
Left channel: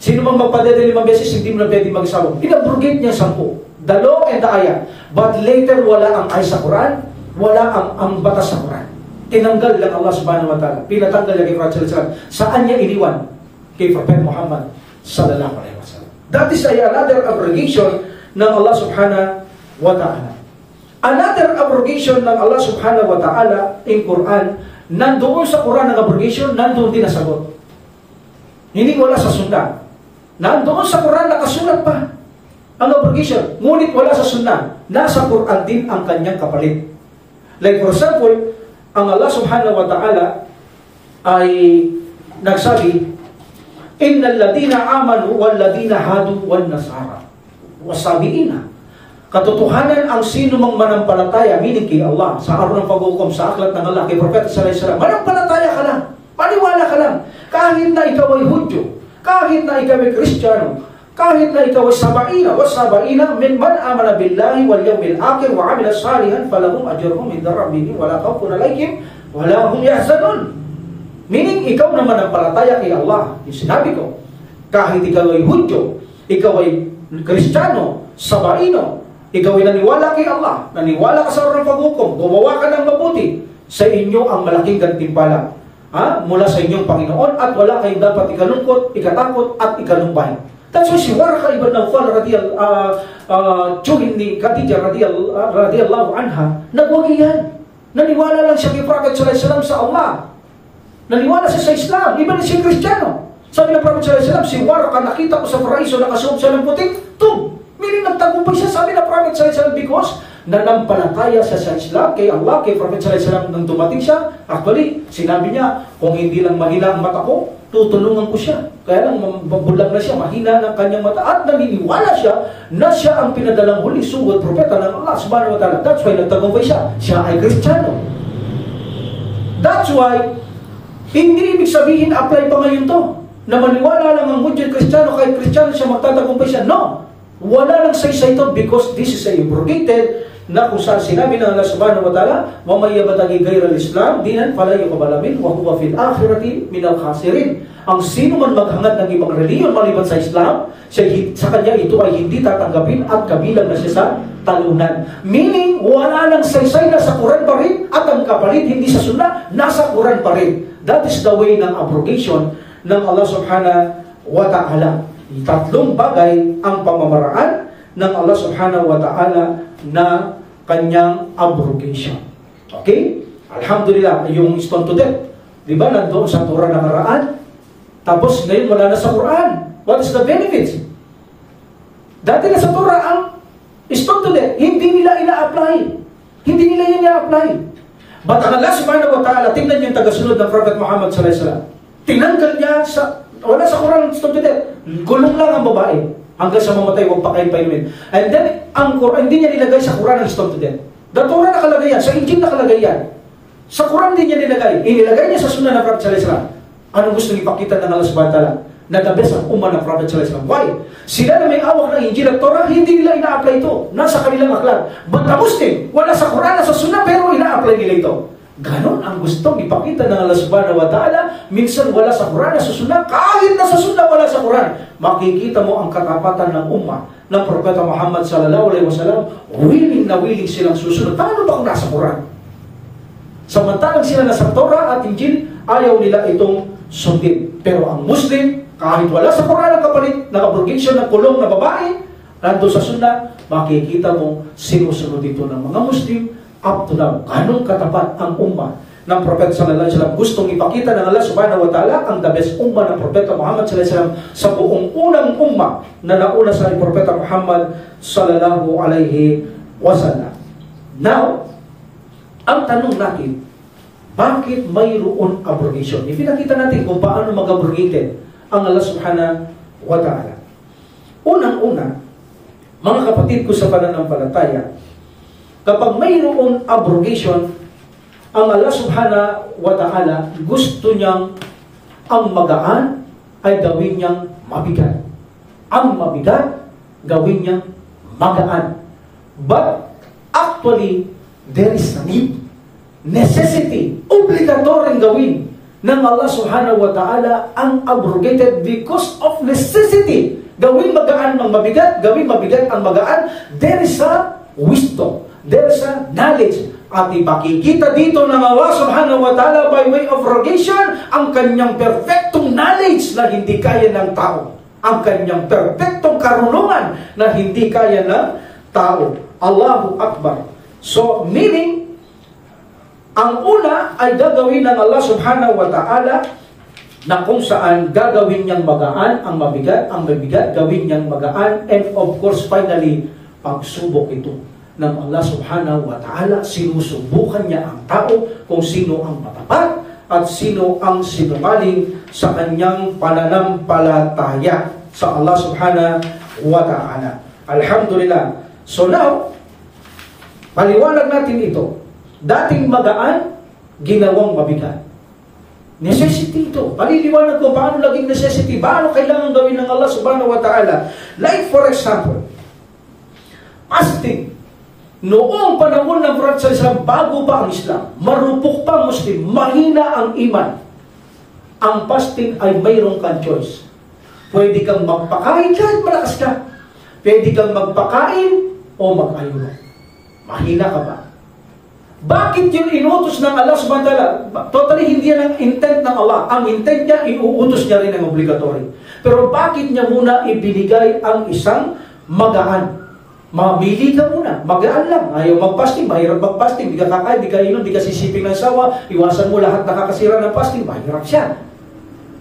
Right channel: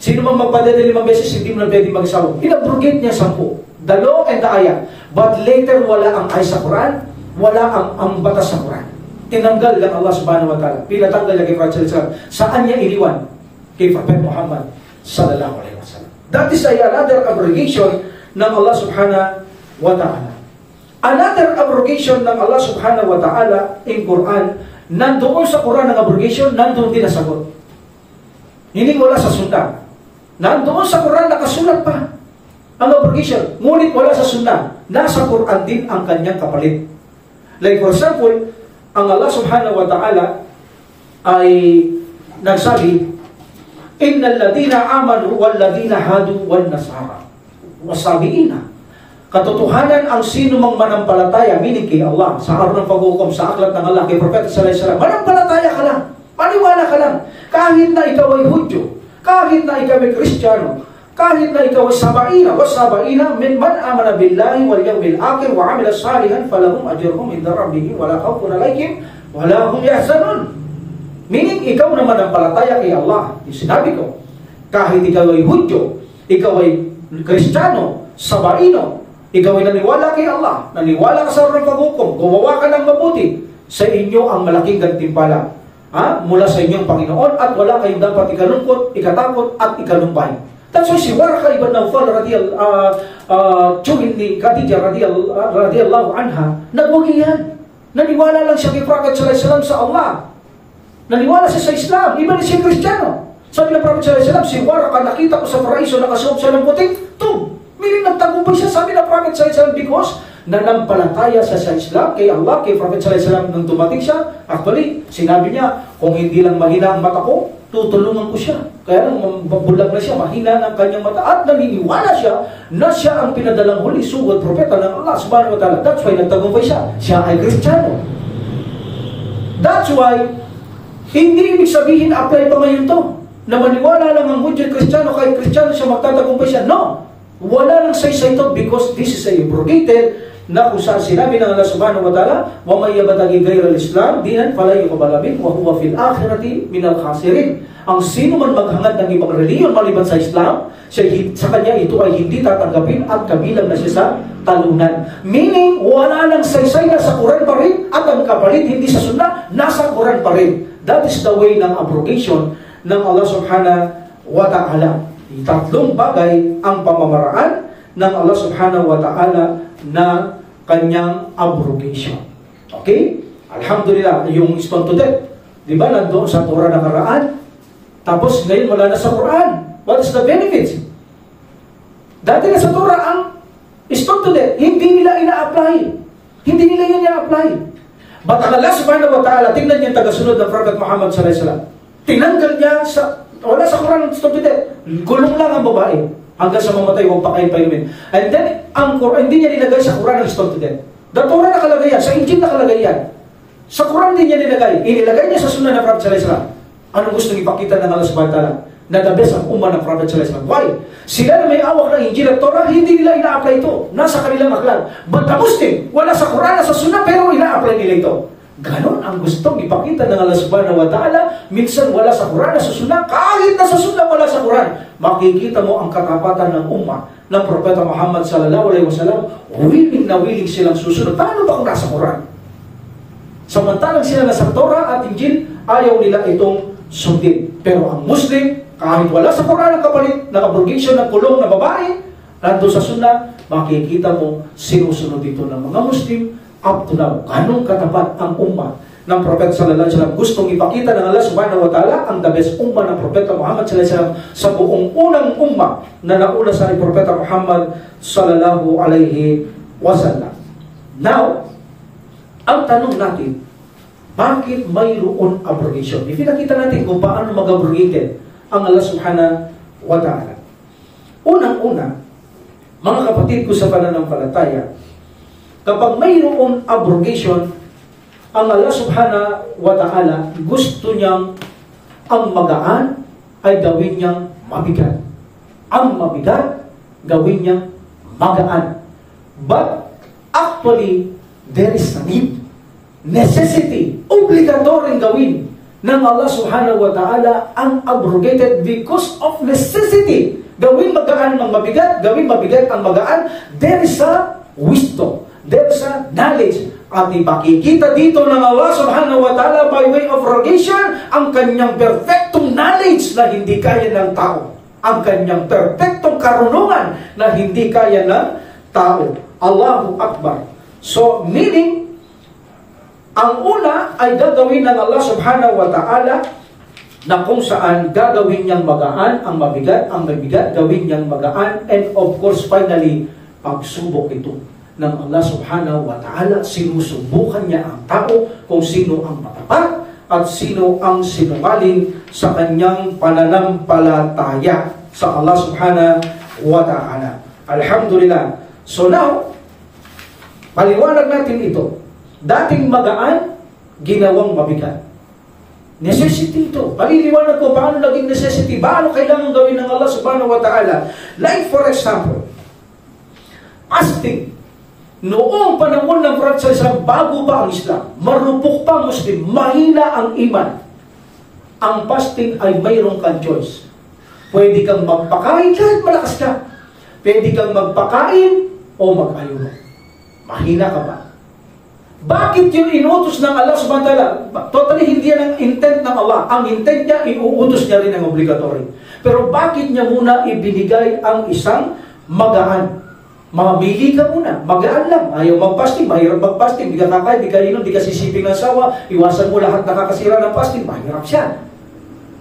Sino mang magpadede 5 beses, hindi mo na pwede mag-asawa. In-abrogate niya 10. The law and the ayah. But later, wala ang ay sa Quran, wala ang batas sa Quran. Tinanggal lang Allah subhanahu wa ta'ala. Pinatanggal niya kay Prophet sallallahu alaihi wasallam. Saan niya iniwan? Kay Prophet Muhammad sallallahu alaihi wasallam. That is another abrogation ng Allah subhanahu wa ta'ala. Another abrogation ng Allah subhanahu wa ta'ala in Quran, nandoon sa Quran ng abrogation, nandoon din nasagot. Hindi wala sa Sunnah. Nandoon sa Quran, nakasulat pa ang abrogation. Ngunit wala sa Sunnah. Nasa Quran din ang kanyang kapalit. Like for example, ang Allah subhanahu wa ta'ala ay nagsabi, Innal ladina amanu wal ladina hadu wal nasara wasabiina. Katotohanan ang sino mang manampalataya, meaning kay Allah, sa araw ng paghukom, sa aklat ng Allah, kay Propeta sallallahu alaihi wasallam, manampalataya ka lang, maniwala ka lang, kahit na ikaw ay Hudyo, kahit na ikaw ay Kristiyano, kahit na ikaw ay sabaina, wasabaina, min man amana billahi wal yawmil akhir wa amila salihan falahum ajruhum inda rabbihim wala khawfun alaihim wala hum yahzanun. Meaning, ikaw naman ang palataya kay Allah. Yung sinabi ko, kahit ikaw ay Hudyo, ikaw ay Kristiyano, sabaino, ikaw ay naniwala kay Allah, naniwala ka sa araw ng paghukom, gumawa ka ng mabuti, sa inyo ang malaking gantimpala mula sa inyong Panginoon, at wala kayong dapat ikalungkot, ikatakot, at ikalumbay. That's why si Warqa ibn Nawfal tsuhin ni Khadija radiyallahu anha, nagwagi yan. Naniwala lang siya kay Prophet sallallahu alaihi wasallam sa Allah. Naniwala siya sa Islam, iba na siya Kristiyano. Sabi ng Prophet sallallahu alaihi wasallam, si Warqa nakita ko sa paraiso, nakasuot siya ng puting tub. Meaning nagtagumpay siya, sabi ng Prophet sallallahu alaihi wasallam, because nanampalataya siya sa Islam, kay Allah, kay Prophet sallallahu alaihi wasallam. Nung dumating siya, actually, sinabi niya, kung hindi lang mahina ang mata ko, tutulungan ko siya. Kaya nang mabulag na siya, mahina ng kanyang mata, at naniniwala siya na siya ang pinadalang huli sugod propeta ng Allah subhanahu wa ta'ala. That's why nagtagumpay siya. Siya ay Kristiyano. That's why hindi ibig sabihin apply pa ngayon to, na maniwala lang ang Hudyo Kristiyano, kahit Kristiyano siya, magtatagumpay siya. No! Wala lang saysay ito, because this is a abrogated na kung saan sinabi ng Allah subhanahu wa ta'ala, وَمَنْ يَبْتَغِي غَيْرَ الْإِسْلَامِ دِينًا فَلَا يُقْبَلَ مِنْهُ وَهُوَ فِي الْآخِرَةِ مِنَ الْخَاسِرِينَ. Ang sino man maghangad ng ibang reliyon maliban sa Islam, sa kanya ito ay hindi tatanggapin at kabilang na siya sa talunan. Meaning, wala lang saysay na sa Quran pa rin, at ang kapalit hindi sa Sunnah, nasa Quran pa rin. That is the way ng abrogation ng Allah subhanahu wa ta'ala. Tatlong bagay ang pamamaraan ng Allah subhanahu wa ta'ala na kanyang abrogation. Okay? Alhamdulillah, yung stone to death, di ba, nandoon sa Torah nakaraan, tapos ngayon wala na sa Quran. What is the benefits? Dati na sa Torah ang stone to death, hindi nila ina-apply. Hindi nila yan ina-apply. But ang Allah subhanahu wa ta'ala, tingnan yung tagasunod ng Prophet Muhammad sallallahu alaihi wasallam. Tinanggal niya wala sa Quran ang stone to death. Gulong lang ang babae. Hanggang sa mamatay, huwag pa kayong painumin. And then, ang Quran, hindi niya nilagay sa Quran ang stone to death. The Torah nakalagay yan. Sa Injil nakalagay yan. Sa Quran din niya nilagay. Inilagay niya sa Sunnah ng Prophet sallallahu alaihi wasallam. Anong gusto niyong ipakita ng Allah subhanahu wa ta'ala? Na the best ang umma ng Prophet sallallahu alaihi wasallam. Why? Sila na may awak ng Injil at Torah, hindi nila ina-apply ito. Nasa kanilang aklan. But the Muslim, wala sa Quran, nasa Sunnah, pero ina-apply nila ito. Ganon ang gustong ipakita ng Allah subhanahu wa ta'ala. Minsan wala sa Quran, nasa Sunnah. Kahit nasa Sunnah, wala sa Quran. Makikita mo ang katapatan ng umma ng Propeta Muhammad sallallahu alaihi wasallam. Willing na willing silang susunod. Paano ba kung nasa Quran? Samantalang sila nasa Torah at Injil, ayaw nila itong sundin. Pero ang Muslim, kahit wala sa Quran ang kapalit, nag-abrogation ng kulong na babae, nandun sa Sunnah, makikita mo sinusunod dito ng mga Muslim. Up to now, ganong katapat ang umma ng Propeta sallallahu alaihi wasallam. Gustong ipakita ng Allah subhanahu wa ta'ala ang the best umma ng Propeta Muhammad sallallahu alaihi wasallam sa buong unang umma na nauna sa Propeta Muhammad sallallahu alaihi wasallam. Now, ang tanong natin, bakit mayroon abrogation? Ipinakita natin kung paano mag-abrogate ang Allah subhanahu wa ta'ala. Unang-una, mga kapatid ko sa pananampalataya, kapag mayroong abrogation, ang Allah subhanahu wa ta'ala gusto niyang ang magaan ay gawin niyang mabigat. Ang mabigat, gawin niyang magaan. But actually, there is a need, necessity, obligatory gawin ng Allah subhanahu wa ta'ala ang abrogated because of necessity. Gawing magaan ang mabigat, gawing mabigat ang magaan. There is a wisdom, there is a knowledge. At ipakikita dito ng Allah subhanahu wa ta'ala by way of rogation ang kanyang perfectong knowledge na hindi kaya ng tao. Ang kanyang perfectong karunungan na hindi kaya ng tao. Allahu Akbar. So, meaning, ang una ay gagawin ng Allah subhanahu wa ta'ala na kung saan gagawin niyang magaan ang mabigat, gawin niyang magaan, and of course, finally, pagsubok ito ng Allah subhanahu wa ta'ala. Sinusubukan niya ang tao kung sino ang matapat at sino ang sinungaling sa kanyang pananampalataya sa Allah subhanahu wa ta'ala. Alhamdulillah. So now, paliwanag natin ito. Dating magaan, ginawang mabigat. Necessity ito. Paliliwanag ko paano naging necessity. Paano kailangan gawin ng Allah subhanahu wa ta'ala. Like for example, fasting. Noong panahon ng Prophet sallallahu alaihi wasallam, bago pa ang Islam, marupok pa Muslim, mahina ang iman. Ang fasting ay mayroong kang choice. Pwede kang magpakain kahit malakas ka. Pwede kang magpakain o mag-ayuno. Mahina ka ba? Bakit yun inutos ng Allah subhanahu wa ta'ala? Totally hindi yan ang intent ng Allah. Ang intent niya, iuutos niya rin ang obligatory. Pero bakit niya muna ibinigay ang isang magaan? Mamili ka muna. Magaan lang. Ayaw mag-fasting. Mahirap mag-fasting. Di ka kakain, di ka inom, di ka sisiping ng sawa. Iwasan mo lahat nakakasira ng fasting. Mahirap siya.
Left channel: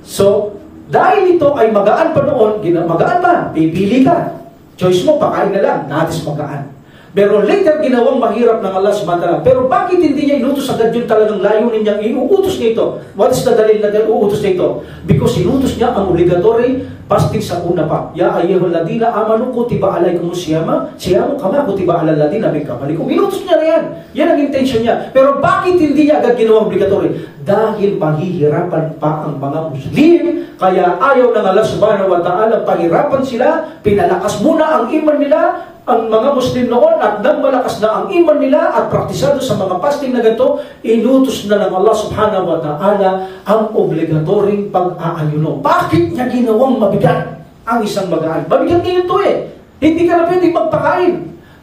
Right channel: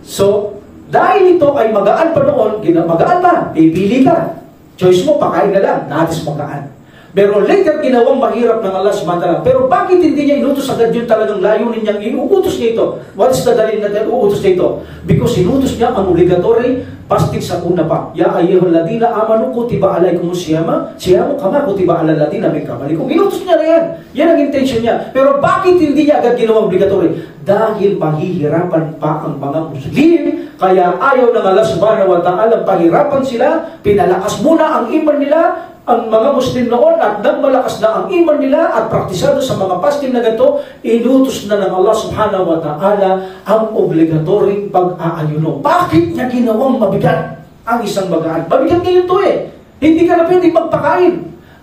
So, dahil ito ay magaan pa noon, magaan ba? Pipili ka. Choice mo, pakain na lang. Natis magaan. Pero later, ginawang mahirap ng Allah subhanahu wa ta'ala. Pero bakit hindi niya inutos agad yun talagang layunin niyang iuutos niya ito? What is the dalil na iuutos niya ito? Because inutos niya ang obligatory fasting sa una pa. Ya ayyuhal ladina amanu kutiba alaykumus siyamu kama kutiba alal ladina min qablikum. Inutos niya na yan. Yan ang intention niya. Pero bakit hindi niya agad ginawang obligatory? Dahil mahihirapan pa ang mga Muslim. Kaya ayaw ng Allah subhanahu wa ta'ala pahirapan sila. Pinalakas muna ang iman nila, ang mga Muslim noon, at nang malakas na ang iman nila at praktisado sa mga fasting na ganito, inutos na ng Allah subhanahu wa ta'ala ang obligatoryong pag-aayuno. Bakit niya ginawang mabigat ang isang magaan? Mabigat ngayon ito eh. Hindi ka na pwede magpakain.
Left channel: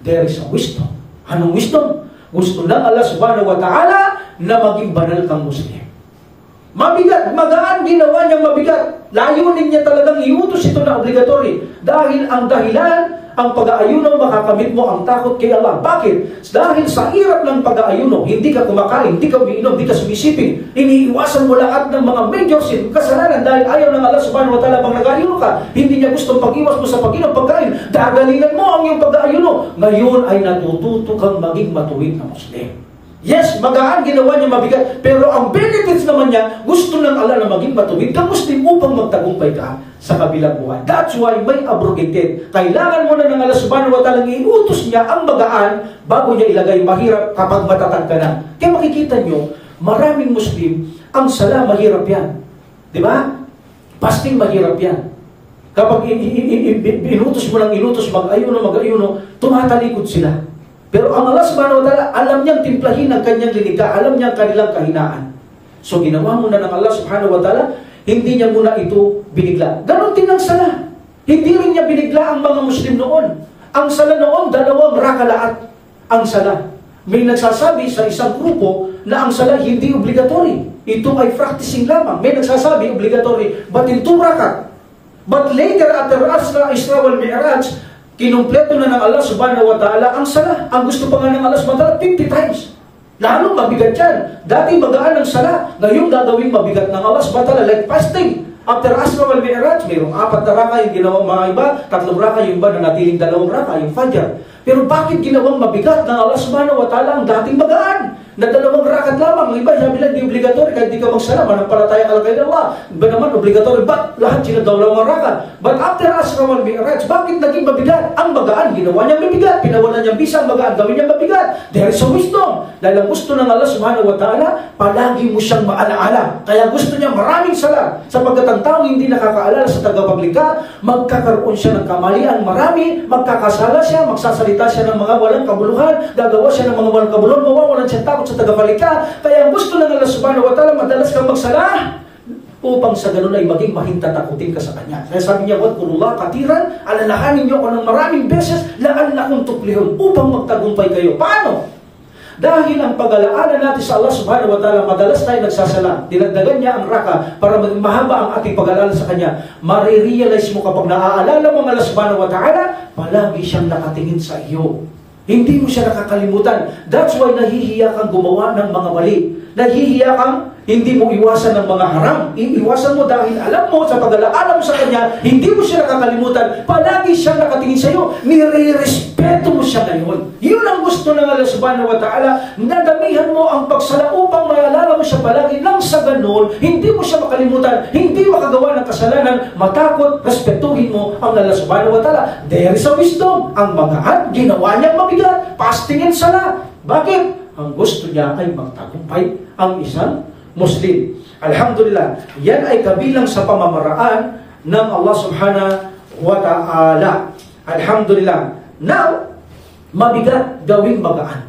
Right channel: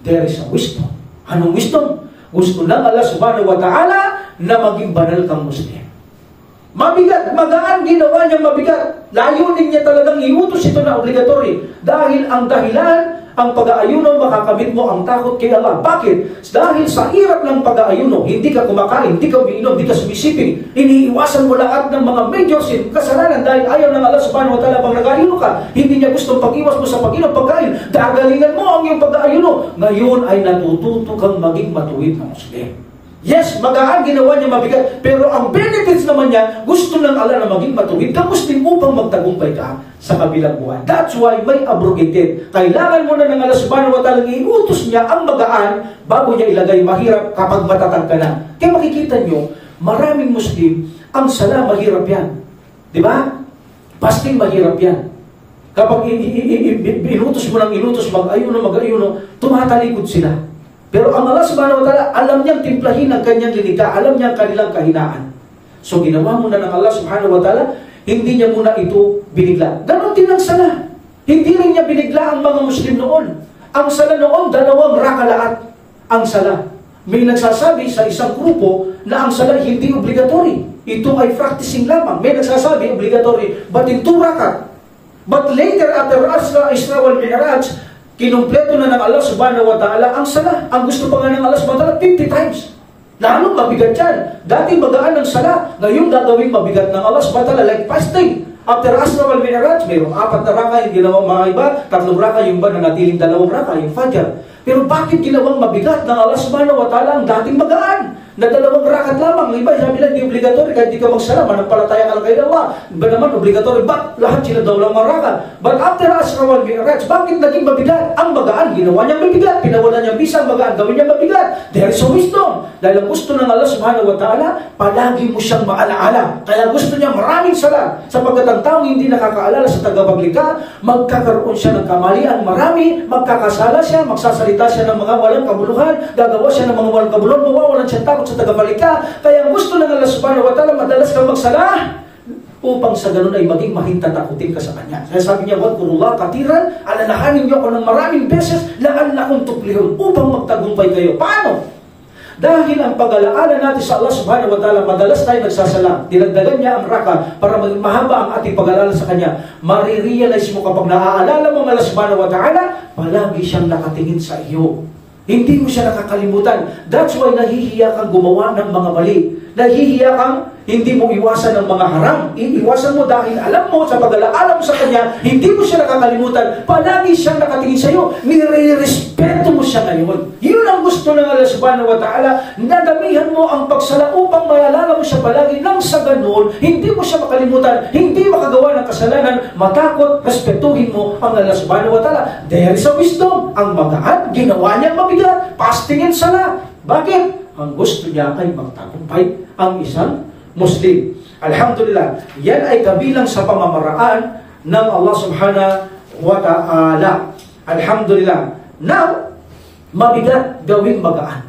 There is a wisdom. Anong wisdom? Gusto ng Allah subhanahu wa ta'ala na maging banal kang Muslim. Mabigat, magaan, ginawa niyang mabigat. Layunin niya talagang iutos ito na obligatory. Dahil ang dahilan, ang pag-aayuno, makakamit mo ang takot kay Allah. Bakit? Dahil sa hirap ng pag-aayuno, hindi ka kumakain, hindi ka umiinom, hindi ka sumisiping, iniiwasan mo lahat ng mga major sin, kasalanan, dahil ayaw ng Allah subhanahu wa ta'ala pag nag-aayuno ka. Hindi niya gustong pag-iwas mo sa pag-inom, pagkain. Dagalingan mo ang iyong pag-aayuno. Ngayon ay natututo kang maging matuwid na Muslim. Yes, magaan, ginawa niya mabigat. Pero ang benefits naman niya, gusto ng Allah na maging matuwid ka Muslim upang magtagumpay ka sa kabilang buhay. That's why may abrogated. Kailangan mo na ng Allah subhanahu wa ta'ala, iutos niya ang magaan bago niya ilagay mahirap kapag matatag ka na. Kaya makikita niyo, maraming Muslim, ang sala mahirap yan. Di ba? Fasting mahirap yan. Kapag inutos mo ng inutos, mag-ayuno, tumatalikod sila. Pero ang Allah subhanahu wa ta'ala, alam niyang timplahin ang kanyang linika, alam niyang kanilang kahinaan. So ginawa muna ng Allah subhanahu wa ta'ala, hindi niya muna ito binigla. Ganon din ang sala. Hindi rin niya binigla ang mga Muslim noon. Ang sala noon, 2 rakalaat ang sala. May nagsasabi sa isang grupo na ang sala hindi obligatory. Ito ay practicing lamang. May nagsasabi obligatory, but in 2 rakat. But later, after Isra wal Mi'raj, kinumpleto na ng Allah subhanahu wa ta'ala ang sala. Ang gusto pa nga ng Allah subhanahu wa ta'ala, 50 times. Lalong mabigat yan. Dati magaan ang sala. Ngayon gagawing mabigat ng Allah subhanahu wa ta'ala, like fasting. After Asra wal Mi'raj, mayroong 4 na raka yung ginawang mga iba, 3 raka yung iba na natiling 2 raka, yung Fajr. Pero bakit ginawang mabigat ng Allah subhanahu wa ta'ala ang dating magaan? Na 2 rakat lamang. Ang iba, sabi lang, di obligatory, kahit di ka magsala, manampalataya ka lang kay Allah. Iba naman, obligatory. Ba't lahat sila 2 rakat? But after Asra wal Mi'raj, bakit naging mabigat? Ang magaan, ginawa niyang mabigat. Pinawalan niyang bisa ang magaan, gawin niyang mabigat. There is a wisdom. Dahil ang gusto ng Allah subhanahu wa ta'ala, palagi mo siyang maalaala. Kaya gusto niya maraming sala. Sapagkat ang taong hindi nakakaalala sa tagapaglikha, magkakaroon siya ng kamalian marami, magkakasala siya, magsasalita magsasalita siya ng mga walang kabuluhan, gagawa siya ng mga walang kabuluhan, mawawalan siya takot sa tagapalika. Kaya gusto ng Allah subhanahu wa ta'ala, madalas kang magsala upang sa ganun ay maging mahintatakutin ka sa Kanya. Kaya sabi niya, wadkurullah katiran, alalahanin niyo ako ng maraming beses, la'allakum tuflihun, upang magtagumpay kayo. Paano? Dahil ang pag-alaala natin sa Allah subhanahu wa ta'ala, madalas tayo nagsasala, dinagdagan niya ang raka para maging mahaba ang ating pag-alala sa Kanya. Marirealize mo kapag naaalala mo ang Allah subhanahu wa ta'ala, palagi siyang nakatingin sa iyo. Hindi mo siya nakakalimutan. That's why nahihiya kang gumawa ng mga mali. Nahihiya kang hindi mo iwasan ng mga haram. Iiwasan mo dahil alam mo sa pag-alaala mo sa Kanya, hindi mo siya nakakalimutan. Palagi siyang nakatingin sa iyo. Nire-respeto mo siya ngayon. Yun ang gusto ng Allah subhanahu wa ta'ala. Nadamihan mo ang pagsala upang maalala mo siya palagi. Nang sa ganun, hindi mo siya makalimutan. Hindi makagawa ng kasalanan. Matakot, respetuhin mo ang Allah subhanahu wa ta'ala. There is a wisdom. Ang magaan, ginawa niyang mabigat. Fasting and sala. Bakit? Ang gusto niya ay magtagumpay ang isang Muslim. Alhamdulillah, yan ay kabilang sa pamamaraan ng Allah subhanahu wa ta'ala. Alhamdulillah. Now, mabigat gawing magaan.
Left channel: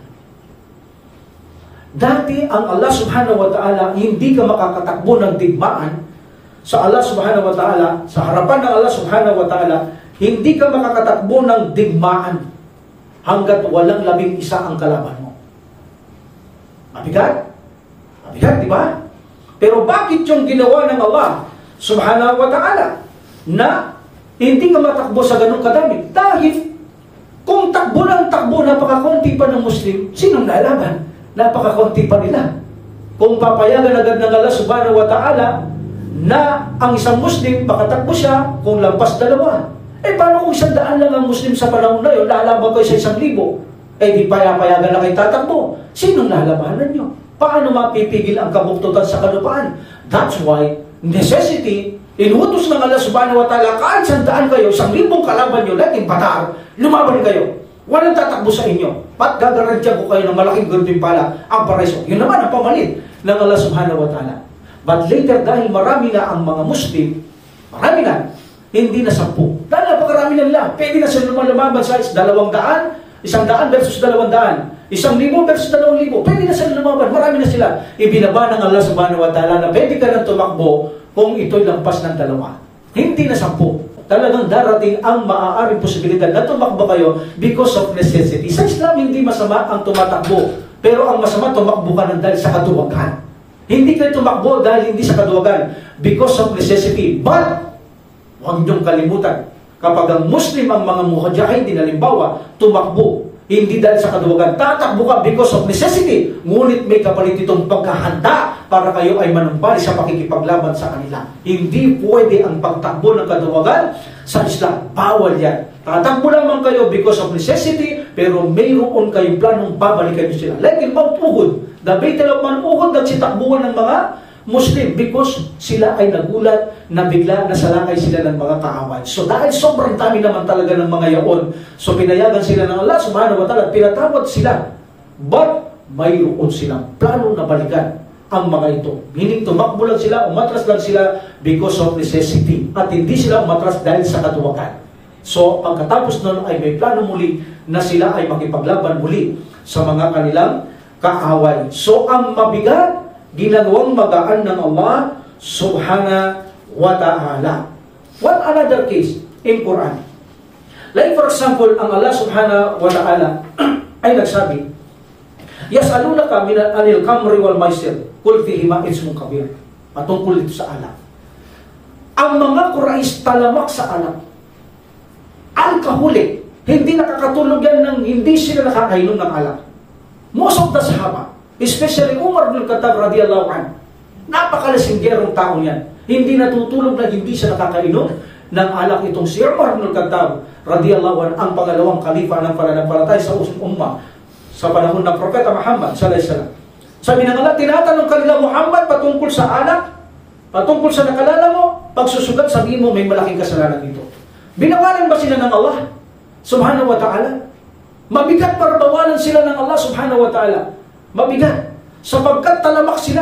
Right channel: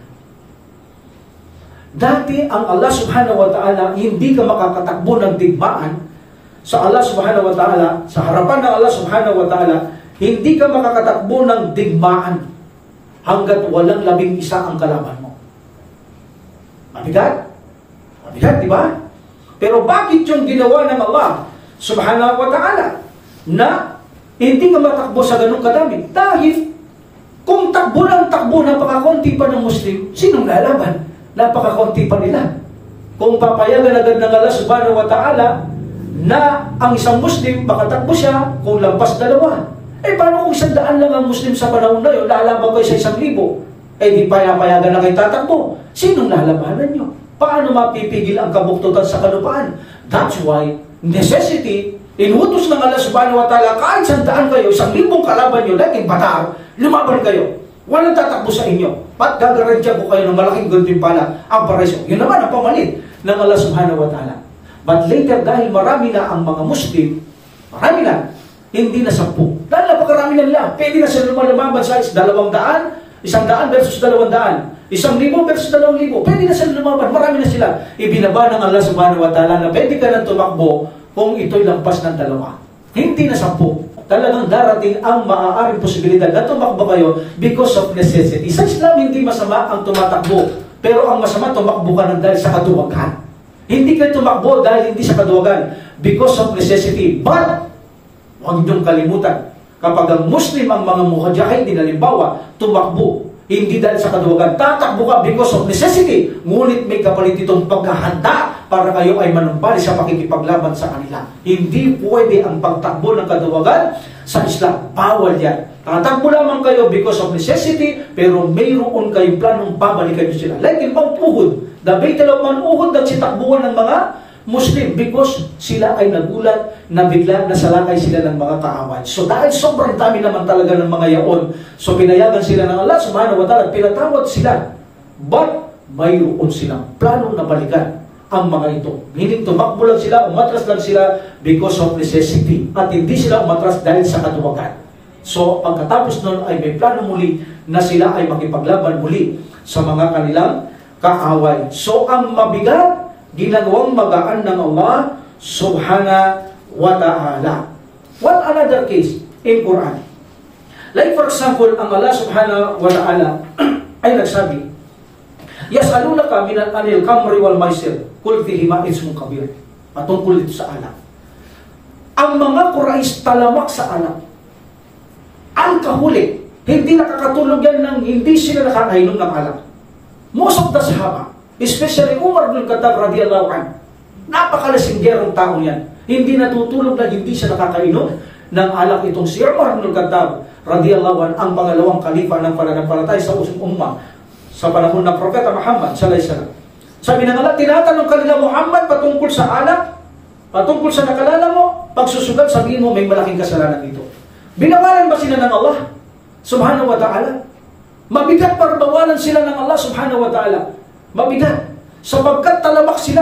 Dati ang Allah subhanahu wa ta'ala, hindi ka makakatakbo ng digmaan sa Allah subhanahu wa ta'ala, sa harapan ng Allah subhanahu wa ta'ala, hindi ka makakatakbo ng digmaan hanggat walang 11 ang kalaban mo. Mabigat? Mabigat, di ba? Pero bakit yung ginawa ng Allah subhanahu wa ta'ala na hindi ka matakbo sa ganung kadami? Dahil kung takbo lang takbo, napakakonti pa ng Muslim, sinong lalaban? Napakakonti pa nila. Kung papayagan agad ng Allah subhanahu wa ta'ala na ang isang Muslim, makatakbo siya kung lampas 2. Paano kung 100 lang ang Muslim sa panahon na yun, lalaban kayo sa 1,000? Di payagan na kayo tatakbo. Sinong lalabanan nyo? Paano mapipigil ang kabuktutan sa kalupaan? That's why, necessity, inuutos ng Allah subhanahu wa ta'ala, kahit 100 kayo, 1,000 kalaban nyo, like in Batar, lumaban kayo. Walang tatakbo sa inyo. At gagarantya ko kayo ng malaking gantimpala ang paraiso. Yun naman ang pamalit ng Allah subhanahu wa ta'ala. But later, dahil marami na ang mga Muslim, marami na, hindi na 10. Dahil napakarami na nila. Pwede na sila lumaban sa 200, 100 versus 200. 1,000 versus 2,000. Pwede na sila lumaban. Marami na sila. Ibinaba ng Allah subhanahu wa ta'ala na pwede ka nang tumakbo kung ito'y lampas ng 2. Hindi na 10. Talagang darating ang maaaring posibilidad na tumakbo kayo because of necessity. Sa Islam, hindi masama ang tumatakbo. Pero ang masama, tumakbo ka ng dahil sa kaduwagan. Hindi kayo tumakbo dahil hindi sa kaduwagan. Because of necessity. But, huwag niyong kalimutan, kapag ang Muslim ang mga mujahidin, halimbawa, tumakbo, hindi dahil sa kaduwagan, tatakbo ka because of necessity, ngunit may kapalit itong pagkahanda para kayo ay manumbali sa pakikipaglaban sa kanila. Hindi pwede ang pagtakbo ng kaduwagan sa Islam. Bawal yan. Tatakbo lamang kayo because of necessity, pero mayroon kayong planong babalikan nyo sila. Like in Mount Uhud, the Battle of Mount Uhud, nagsitakbuhan ng mga Muslim because sila ay nagulat na bigla nasalakay sila ng mga kaaway. So dahil sobrang dami naman talaga ng mga yaon, so pinayagan sila ng Allah subhanahu wa ta'ala, pinatawad sila. But mayroon silang plano na balikan ang mga ito. Meaning tumakbo lang sila, umatras lang sila because of necessity. At hindi sila umatras dahil sa katuwagan. So pagkatapos nun ay may plano muli na sila ay makipaglaban muli sa mga kanilang kaaway. So ang mabigat, ginagawang magaan ng Allah subhanahu wa ta'ala. What another case in Quran? Like for example, ang Allah subhanahu wa ta'ala ay nagsabi, Yas'alunaka min anil kamri wal maisir, kul fihima ismun kabir. Patungkol ito sa alak. Ang mga Quraysh talamak sa alak. Alcoholic. Hindi nakakatulog yan nang hindi sila nakakainom ng alak. Most of the Sahaba, especially Umar bin Khattab radiyallahu anhu, napakalasinggerong taong yan. Hindi natutulog na hindi siya nakakainom ng alak. Itong si Umar bin Khattab radiyallahu anhu, ang pangalawang kalifa ng pananampalataya sa ummah sa panahon ng Propeta Muhammad sallallahu alaihi wasallam. Sabi ng Allah, tinatanong kanila, Muhammad, patungkol sa alak, patungkol sa nakalala mo, pagsusugal, sabihin mo may malaking kasalanan dito. Binawalan ba sila ng Allah subhanahu wa ta'ala? Mabigat para bawalan sila ng Allah subhanahu wa ta'ala. Mabigat. Sapagkat talamak sila.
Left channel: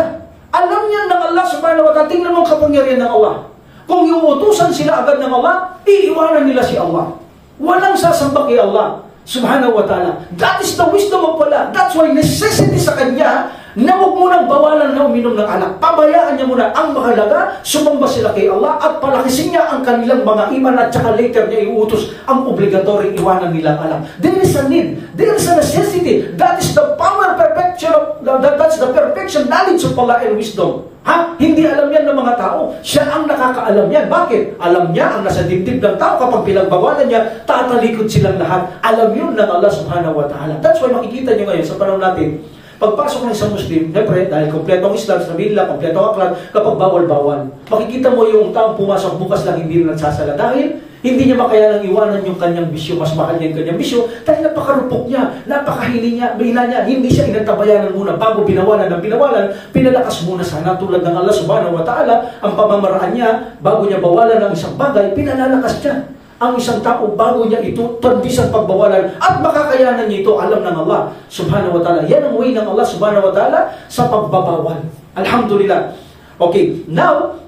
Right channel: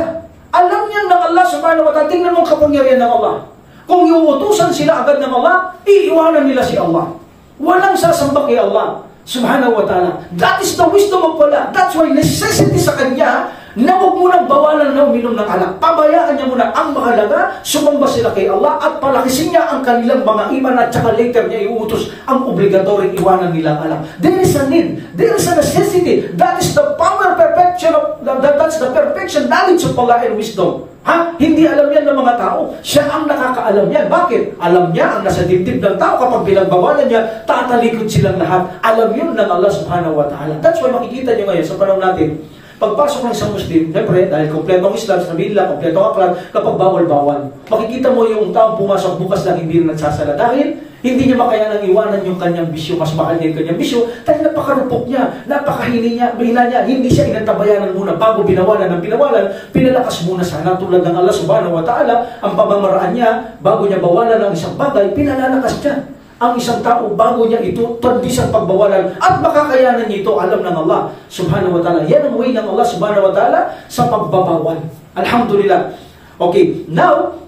Alam niyan ng Allah subhanahu wa ta'ala. Tingnan mo ang kapangyarihan ng Allah. Kung iuutusan sila agad ng Allah, iiwanan nila si Allah. Walang sasamba kay Allah. Subhanahu wa ta'ala. That is the wisdom of Allah. That's why necessity sa kanya na huwag mo nang bawalan na uminom ng alak. Pabayaan niya muna. Ang mahalaga, sumamba sila kay Allah at palakisin niya ang kanilang mga iman at saka later niya iutos ang obligatory iwanan nilang alak. There is a need. There is a necessity. That is the power perfection of, that's the perfection knowledge of Allah and wisdom. Ha? Hindi alam yan ng mga tao. Siya ang nakakaalam yan. Bakit? Alam niya ang nasa dibdib ng tao. Kapag pinagbawalan niya, tatalikod silang lahat. Alam yun ng Allah subhanahu wa ta'ala. That's why makikita niyo ngayon sa panahon natin, pagpasok ng isang Muslim, siyempre, dahil kompletong Islam, sabihin nila, kompletong akhlaq, kapag bawal-bawal. Makikita mo yung taong pumasok bukas lang, hindi na nagsasala. Dahil hindi niya makayanang iwanan yung kanyang bisyo, mas mahal niya yung kanyang bisyo, dahil napakarupok niya, napakahini niya, mahina niya, hindi siya inantabayanan muna. Bago binawalan ng binawalan, pinalakas muna sana tulad ng Allah subhanahu wa ta'ala, ang pamamaraan niya, bago niya bawalan ng isang bagay, pinalalakas niya ang isang tao bago niya ito tandis ang pagbawalan at makakayanan niya ito, alam ng Allah subhanahu wa ta'ala. Yan ang way ng Allah subhanahu wa ta'ala sa pagbabawal. Alhamdulillah. Okay, now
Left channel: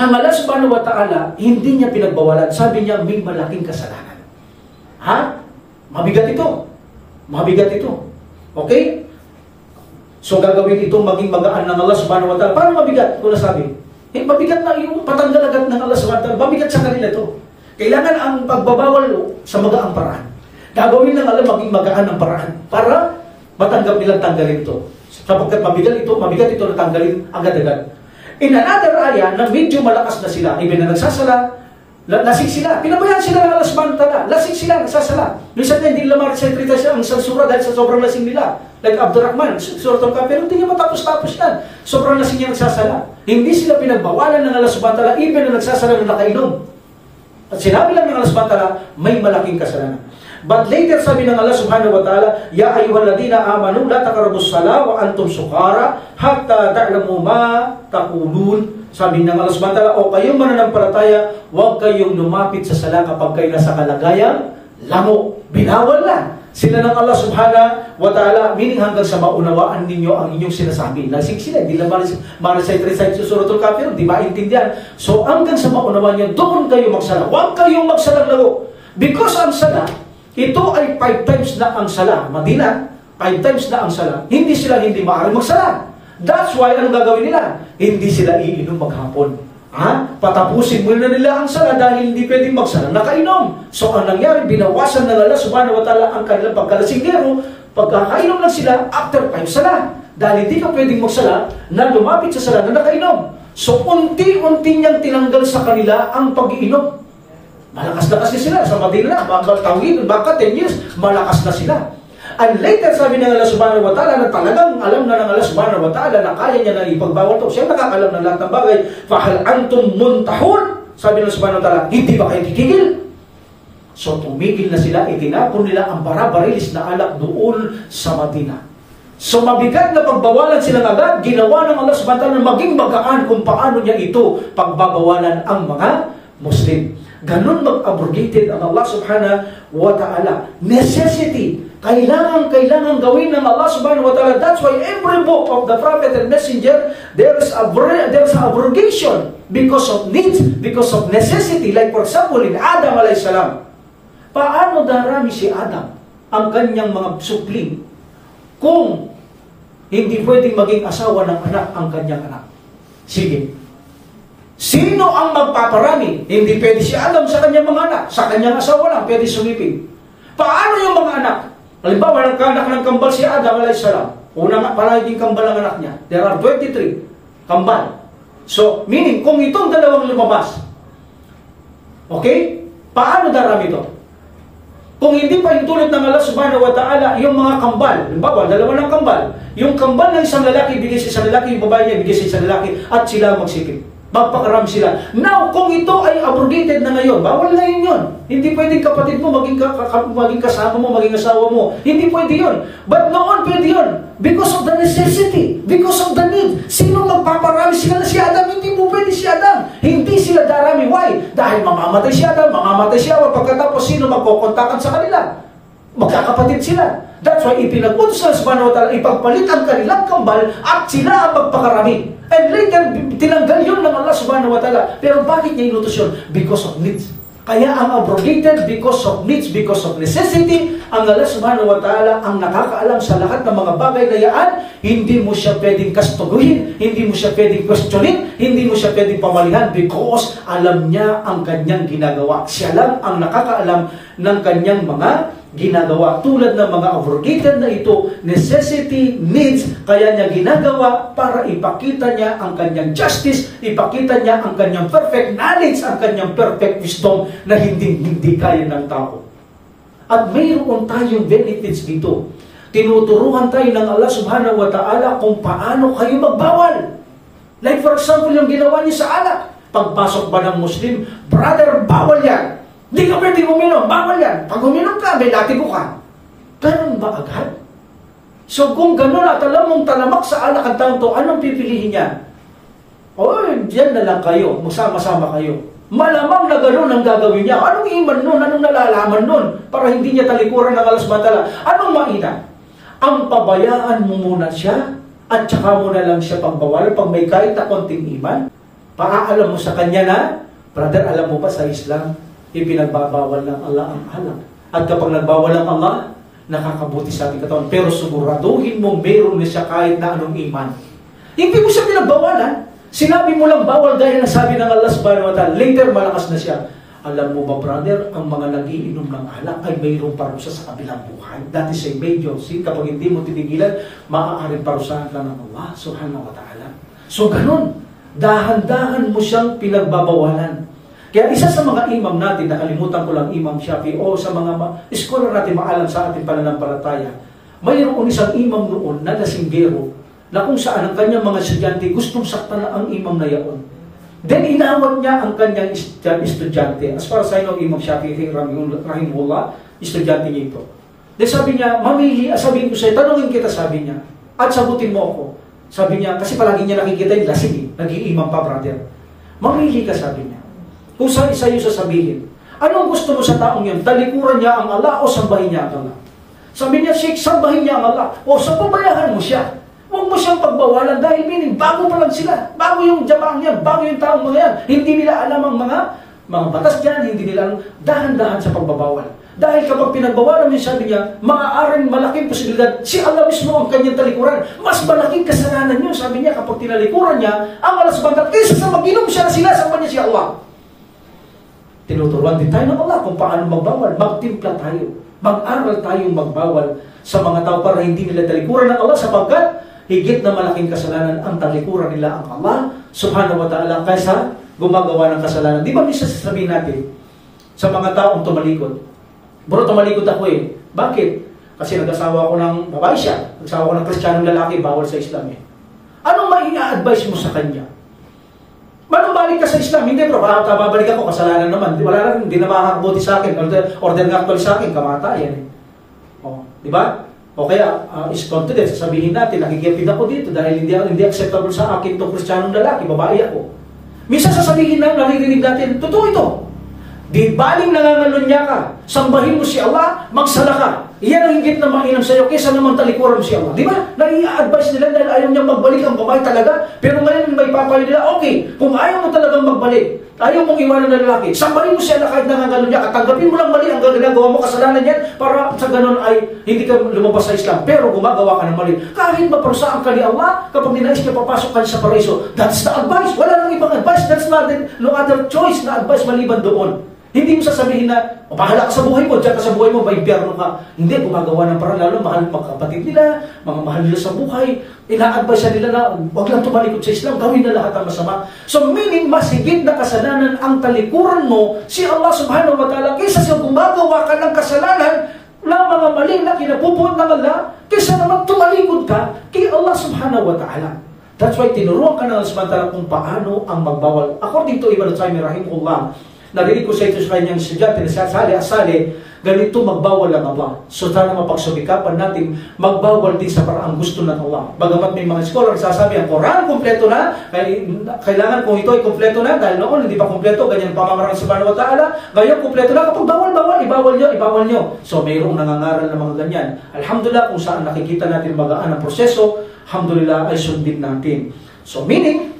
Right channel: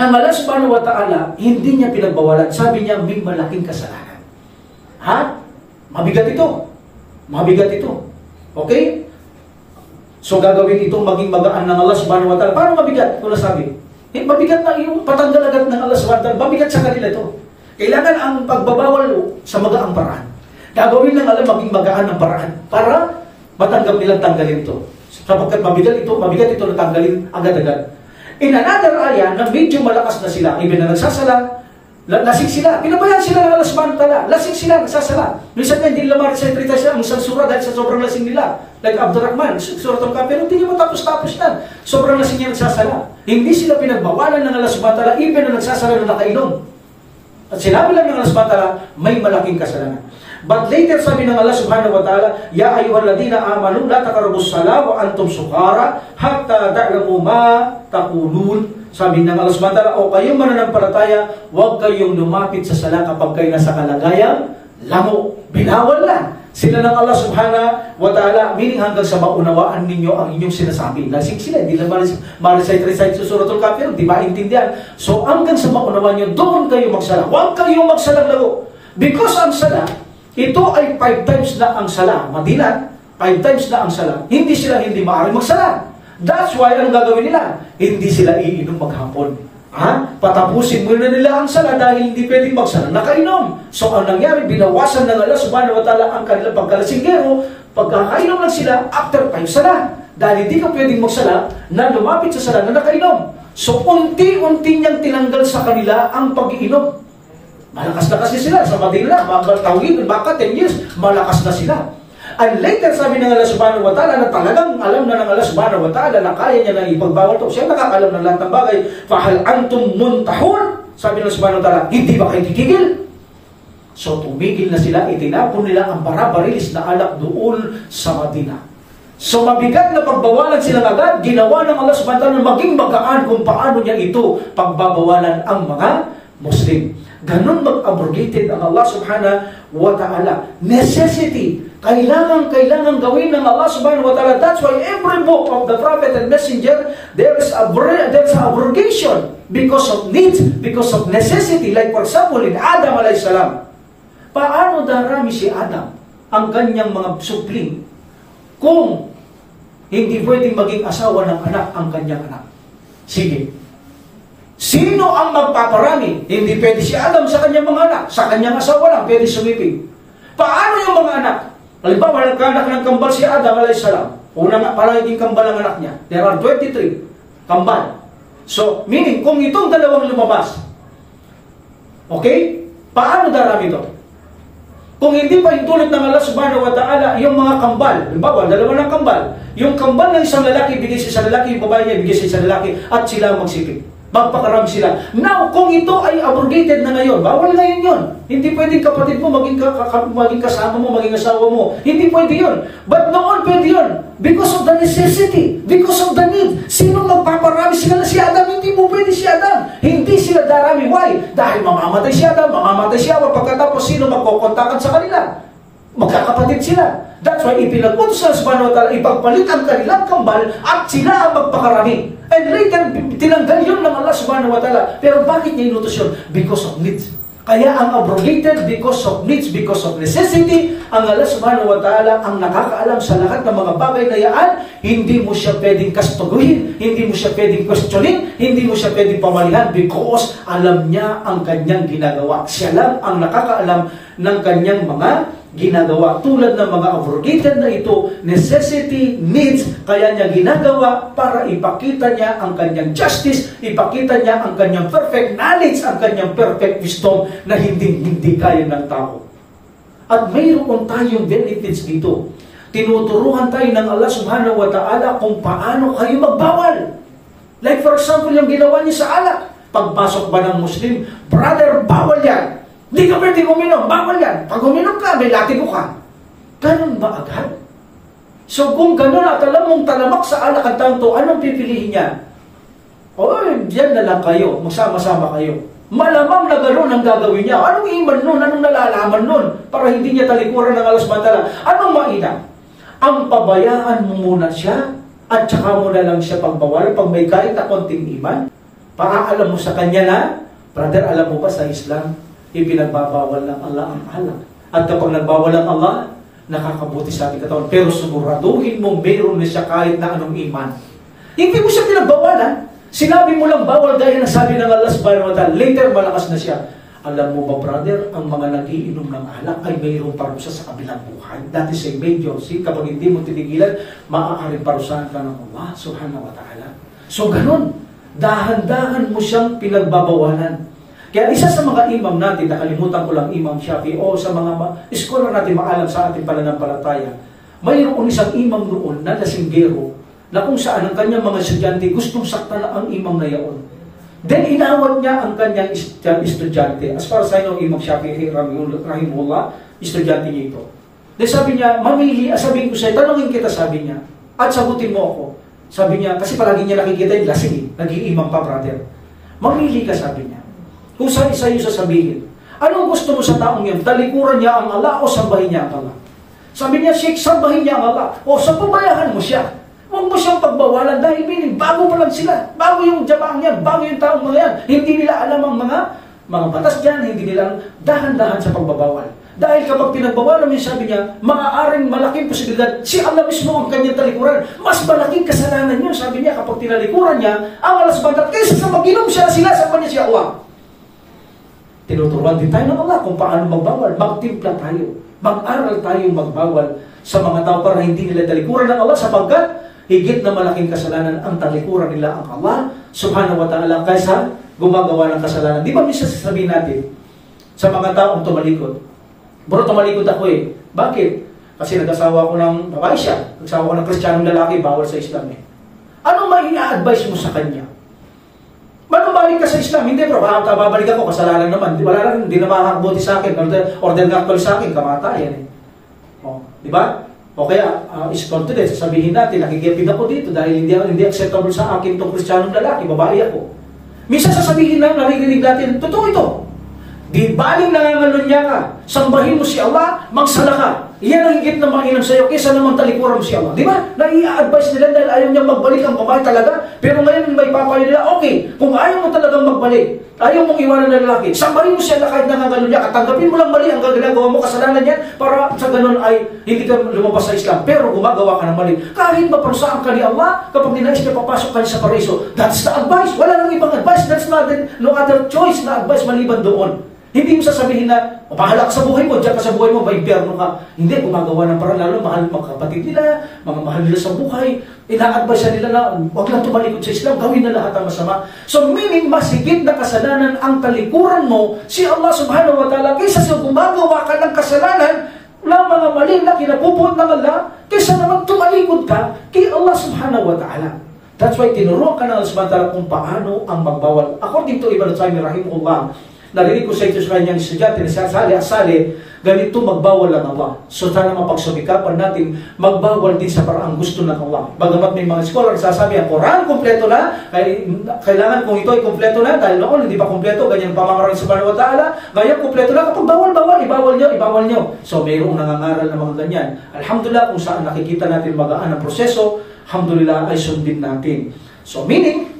ang Allah subhanahu wa ta'ala hindi niya pinagbawalan. Sabi niya may malaking kasalanan. Ha? Mabigat ito. Mabigat ito. Okay? So gagawin itong maging magaan ng Allah subhanahu wa ta'ala. Paano mabigat? Wala sabi. Mabigat na yung patanggal agad ng Allah subhanahu wa ta'ala. Mabigat sa kanila ito. Kailangan ang pagbabawal sa magaang paraan. Gagawin ng Allah maging magaan ng paraan para matanggap nilang tanggalin ito. Sapagkat mabigat ito na tanggalin agad-agad. In another ayah na medyo malakas na sila, ibig na nagsasala, lasing sila. Pinabayaan sila ng Allah subhanahu wa ta'ala. Lasing sila, nagsasala. Minsan hindi nila marisalita siya ang isang surah dahil sa sobrang lasing nila. Like Abdurrahman, surah al-Kahf, pero hindi niya matapos-tapos yan. Sobrang lasing niya nagsasala. Hindi sila pinagbawalan ng Allah subhanahu wa ta'ala, even na nagsasala na nakainom. At sinabi lang ng Allah subhanahu wa ta'ala, may malaking kasalanan. But later sabi ng Allah subhanahu wa ta'ala, Ya ayyuhalladhina amanu la taqrabus salah wa antum sukara hatta ta'lamu ma taqulun. Sabi ng Allah subhanahu wa ta'ala, o kayong mananampalataya, huwag kayong lumapit sa sala kapag kayo nasa kalagayang lamo. Binawal na sila ng Allah subhanahu wa ta'ala, meaning hanggang sa maunawaan ninyo ang inyong sinasabi. Lasing sila, hindi lang ma-recite sa surah al-Kahf, di maintindihan. So hanggang sa maunawaan nyo, doon kayo magsala. Huwag kayong magsalang lago. Because ang sala, ito ay 5 times na ang sala. Madina, 5 times na ang sala. Hindi sila hindi maaaring magsala. That's why, anong gagawin nila? Hindi sila iinom maghapon. Patapusin muna nila ang sala dahil hindi pwedeng magsala nakainom. So ang nangyari, binawasan ng Allah subhanahu wa ta'ala ang kanilang pagkalasinggero. Pagkakainom lang sila after 5 sala. Dahil hindi ka pwedeng magsala na lumapit sa sala na nakainom. So unti-unti niyang tinanggal sa kanila ang pag-iinom. Malakas-lakas na sila sa Madina. Tawid, baka 10 years, malakas na sila. And later, sabi ng Allah subhanahu wa ta'ala na talagang alam na ng Allah subhanahu wa ta'ala na kaya niya na ipagbawal ito. Siya nakakalam ng lahat ng bagay. Fahal antum muntahun. Sabi ng subhanahu wa ta'ala, hindi ba kayo titigil? So tumigil na sila, itinapon nila ang barabarilis na alak doon sa Madina. So mabigat na pagbawalan silang agad, ginawa ng Allah subhanahu wa ta'ala na maging magaan kung paano niya ito pagbabawalan ang mga Muslim. Ganun mag-abrogated ang Allah subhanahu wa ta'ala. Necessity. Kailangan gawin ng Allah subhanahu wa ta'ala. That's why every book of the Prophet and Messenger, there's abrogation because of needs, because of necessity. Like for example, in Adam alayhis salam. Paano darami si Adam ang kanyang mga supling kung hindi pwedeng maging asawa ng anak ang kanyang anak? Sige. Sino ang magpaparami? Hindi pwede si Adam sa kanyang mga anak. Sa kanyang asawa lang, pwede sumiping. Paano yung mga anak? Halimbawa, nagkaanak ng kambal si Adam alayhis salam. Una nga, palaging kambal ang anak niya. There are 23 kambal. So, meaning, kung itong dalawang lumabas, okay? Paano darami ito? Kung hindi pa yung tulad ng Allah subhanahu wa ta'ala, yung mga kambal, halimbawa, dalawa ng kambal, yung kambal ng isang lalaki, bigay sa isang lalaki, yung babae niya, bigay sa isang lalaki, at sila magsiping. Magpakarami sila. Now, kung ito ay abrogated na ngayon, bawal na yun. Hindi pwedeng kapatid mo, maging kasama mo, maging asawa mo. Hindi pwede yun. But noon, pwede yun. Because of the necessity. Because of the need. Sinong magpaparami sila? Si Adam, hindi mo pwede si Adam. Hindi sila darami. Why? Dahil mamamatay si Adam, mamamatay si Hawa. Pagkatapos, sino magkokontakan sa kanila? Magkakapatid sila. That's why ipinag-utos ng subhanahu wa ta'ala, ipagpalit ang kanilang kambal at sila ang magpakarami. And later, tinanggal yun ng Allah subhanahu wa ta'ala. Pero bakit niya inutos yun? Because of needs. Kaya ang abrogated because of needs, because of necessity, ang Allah subhanahu wa ta'ala ang nakakaalam sa lahat ng mga bagay na yan, hindi mo siya pwedeng kastuguhin, hindi mo siya pwedeng questionin, hindi mo siya pwedeng pamalihan because alam niya ang kanyang ginagawa. Siya lang ang nakakaalam ng kanyang mga ginagawa. Tulad ng mga abrogated na ito, necessity, needs, kaya niya ginagawa para ipakita niya ang kanyang justice, ipakita niya ang kanyang perfect knowledge, ang kanyang perfect wisdom na hindi kaya ng tao. At mayroon tayong benefits dito. Tinuturuan tayo ng Allah subhanahu wa ta'ala kung paano kayo magbawal. Like for example, yung ginawa niya sa alak. Pagpasok ba ng Muslim, brother, bawal yan. Hindi ka pwede uminom, bawal yan. Pag uminom ka, may latigo ka. Ganun ba agad? So kung ganun at alam mong talamak sa alak ang taong to, anong pipilihin niya? Diyan na lang kayo, magsama-sama kayo. Malamang na gano'n ang gagawin niya. Anong iman nun? Anong nalalaman nun? Para hindi niya talikuran ng Allah subhanahu wa ta'ala. Anong mainam? Ang pabayaan mo muna siya at saka mo na lang siya pagbawal pag may kahit na konting iman. Paaalam mo sa kanya na, brother, alam mo ba sa Islam, ipinagbabawal ng Allah ang alak. At kapag nagbawal ang Allah, nakakabuti sa ating katawan. Pero siguraduhin mo meron na siya kahit na anong iman. Hindi mo siya pinagbawalan. Sinabi mo lang bawal gaya na sabi ng Allah subhanahu wa ta'ala. Later, malakas na siya. Alam mo ba, brother, ang mga nagiinom ng alak ay mayroong parusa sa kabilang buhay. That is a major sin. Kapag hindi mo tinigilan, maaaring parusahan ka ng Allah subhanahu wa ta'ala. So, ganun. Dahan-dahan mo siyang pinagbabawalan. Kaya isa sa mga imam natin, nakalimutan ko lang Imam Shafi, o sa mga scholar natin maalam sa ating pananampalataya, mayroon isang imam noon na lasinggero, na kung saan ang kanyang mga estudyante gustong saktan na ang imam na yaon. Then inawat niya ang kanyang estudyante. As far as I know, Imam Shafi'i rahimahullah, estudyante niya ito. Then sabi niya, mamili, sabihin ko sa'yo, tanongin kita, sabi niya, at sagutin mo ako. Sabi niya, kasi palagi niya nakikita yung lasing, nag-iimam pa, brother. Mamili ka, sabi niya. Kung sa'yo sasabihin, anong gusto mo sa taong yan? Talikuran niya ang Allah o sambahin niya ang Allah? Sabi niya, Sheikh, sambahin niya ang Allah. O sa pabayahan mo siya. Huwag mo siyang pagbawalan dahil meaning bago pa lang sila. Bago yung jamaang yan, bago yung taong mga yan. Hindi nila alam ang mga batas dyan, hindi nila dahan-dahan sa pagbabawal. Dahil kapag pinagbawalan mo, sabi niya, maaaring malaking posibilidad, si Allah mismo ang kanyang talikuran. Mas malaking kasalanan yun, sabi niya, kapag tinalikuran niya, ang Allah subhanahu wa ta'ala, kaysa sa mag-inom siya na sinasampan niya si Allah. Tinuturuan din tayo ng Allah kung paano magbawal. Magtimpla tayo. Mag-aral tayong magbawal sa mga tao para hindi nila talikuran ng Allah sapagkat higit na malaking kasalanan ang talikuran nila ang Allah subhanahu wa ta'ala kaysa gumagawa ng kasalanan. Di ba minsan sasabihin natin sa mga taong tumalikod, bro, tumalikod ako eh. Bakit? Kasi nag-asawa ko ng babae siya. Nag-asawa ko ng kristyanong lalaki, bawal sa Islam eh. Anong mai-advise mo sa kanya? Manubalik ka sa Islam? Hindi bro, babalik ako, kasalanan naman. Wala na, hindi na makakabuti sa akin. Order nga actually sa akin, kamatayan eh. Di ba? O kaya, is confident, sasabihin natin, nakikipid ako dito dahil hindi acceptable sa akin itong kristyanong lalaki, babae ako. Minsan sasabihin na, naririnig natin, totoo ito. Di baling nangangalunya ka, sambahin mo si Allah, magsala ka. Iyan ang higit na mainam sa iyo kaysa naman talikuran mo si Allah. Di ba? Nai-advise nila dahil ayaw niyang magbalik ang babae talaga. Pero ngayon may papayo nila, okay, kung ayaw mo talagang magbalik, ayaw mong iwanan ng lalaki, sambahin mo si Allah kahit nangangalunya ka, tanggapin mo lang mali ang ginagawa mo, kasalanan yan, para sa ganun ay hindi ka lumabas sa Islam. Pero gumagawa ka ng mali. Kahit maparusahan ka ni Allah, kapag ninais ka papasok ka sa paraiso, that's the advice. Wala nang ibang advice. That's not no other choice na advice maliban doon. Hindi mo sasabihin na, pahala ka sa buhay mo, diyan ka sa buhay mo, maimpyerno ka. Hindi, gumagawa ng parang lalo, mahal mga kapatid nila, mga mahal nila sa buhay, ina-advise nila na, huwag lang tumalikod sa Islam, gawin na lahat ang masama. So meaning, mas higit na kasalanan ang talikuran mo, si Allah subhanahu wa ta'ala, kaysa sa gumagawa ka ng kasalanan, ng mga mali na kinapupuot ng Allah, kaysa naman tumalikod ka kay Allah subhanahu wa ta'ala. That's why tinuruan ka ng Allah subhanahu wa ta'ala kung paano ang magbawal. According to Ibn Taymiyyah rahimahullah, narinig ko sa ito sa kanyang estudyante na sali-asali, ganito magbawal ang Allah. So sana mapagsumikapan natin, magbawal din sa paraang gusto ng Allah. Bagamat may mga scholar sasabi, ang Quran kompleto na, kailangan kung ito ay kompleto na, dahil noon hindi pa kompleto, ganyan pamamaraan sa subhanahu wa ta'ala, ngayon kompleto na, kapag bawal, ibawal nyo. So mayroong nangangaral na mga ganyan. Alhamdulillah, kung saan nakikita natin magaan ang proseso, alhamdulillah ay sundin natin. So meaning,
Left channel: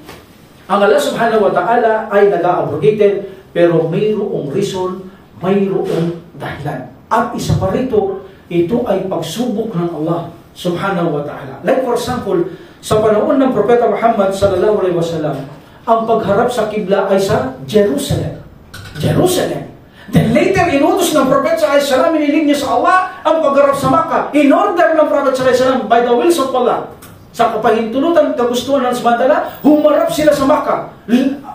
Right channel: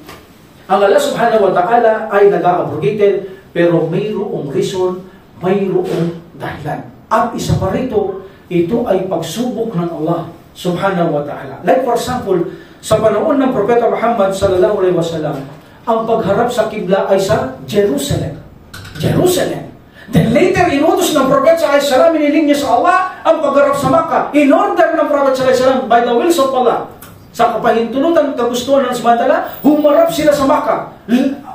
ang Allah subhanahu wa ta'ala ay nag-abrogated pero mayroong reason, mayroong dahilan. At isa pa rito, ito ay pagsubok ng Allah subhanahu wa ta'ala. Like for example, sa panahon ng Propeta Muhammad sallallahu alaihi wasallam, ang pagharap sa kibla ay sa Jerusalem. Then later, inutos ng Propeta sallallahu alaihi wasallam, iniling niya sa Allah ang pagharap sa Makkah. In order ng Propeta sallallahu alaihi wasallam, by the will of Allah, sa kapahintulutan kagustuhan ng Subhanahu, humarap sila sa Makkah.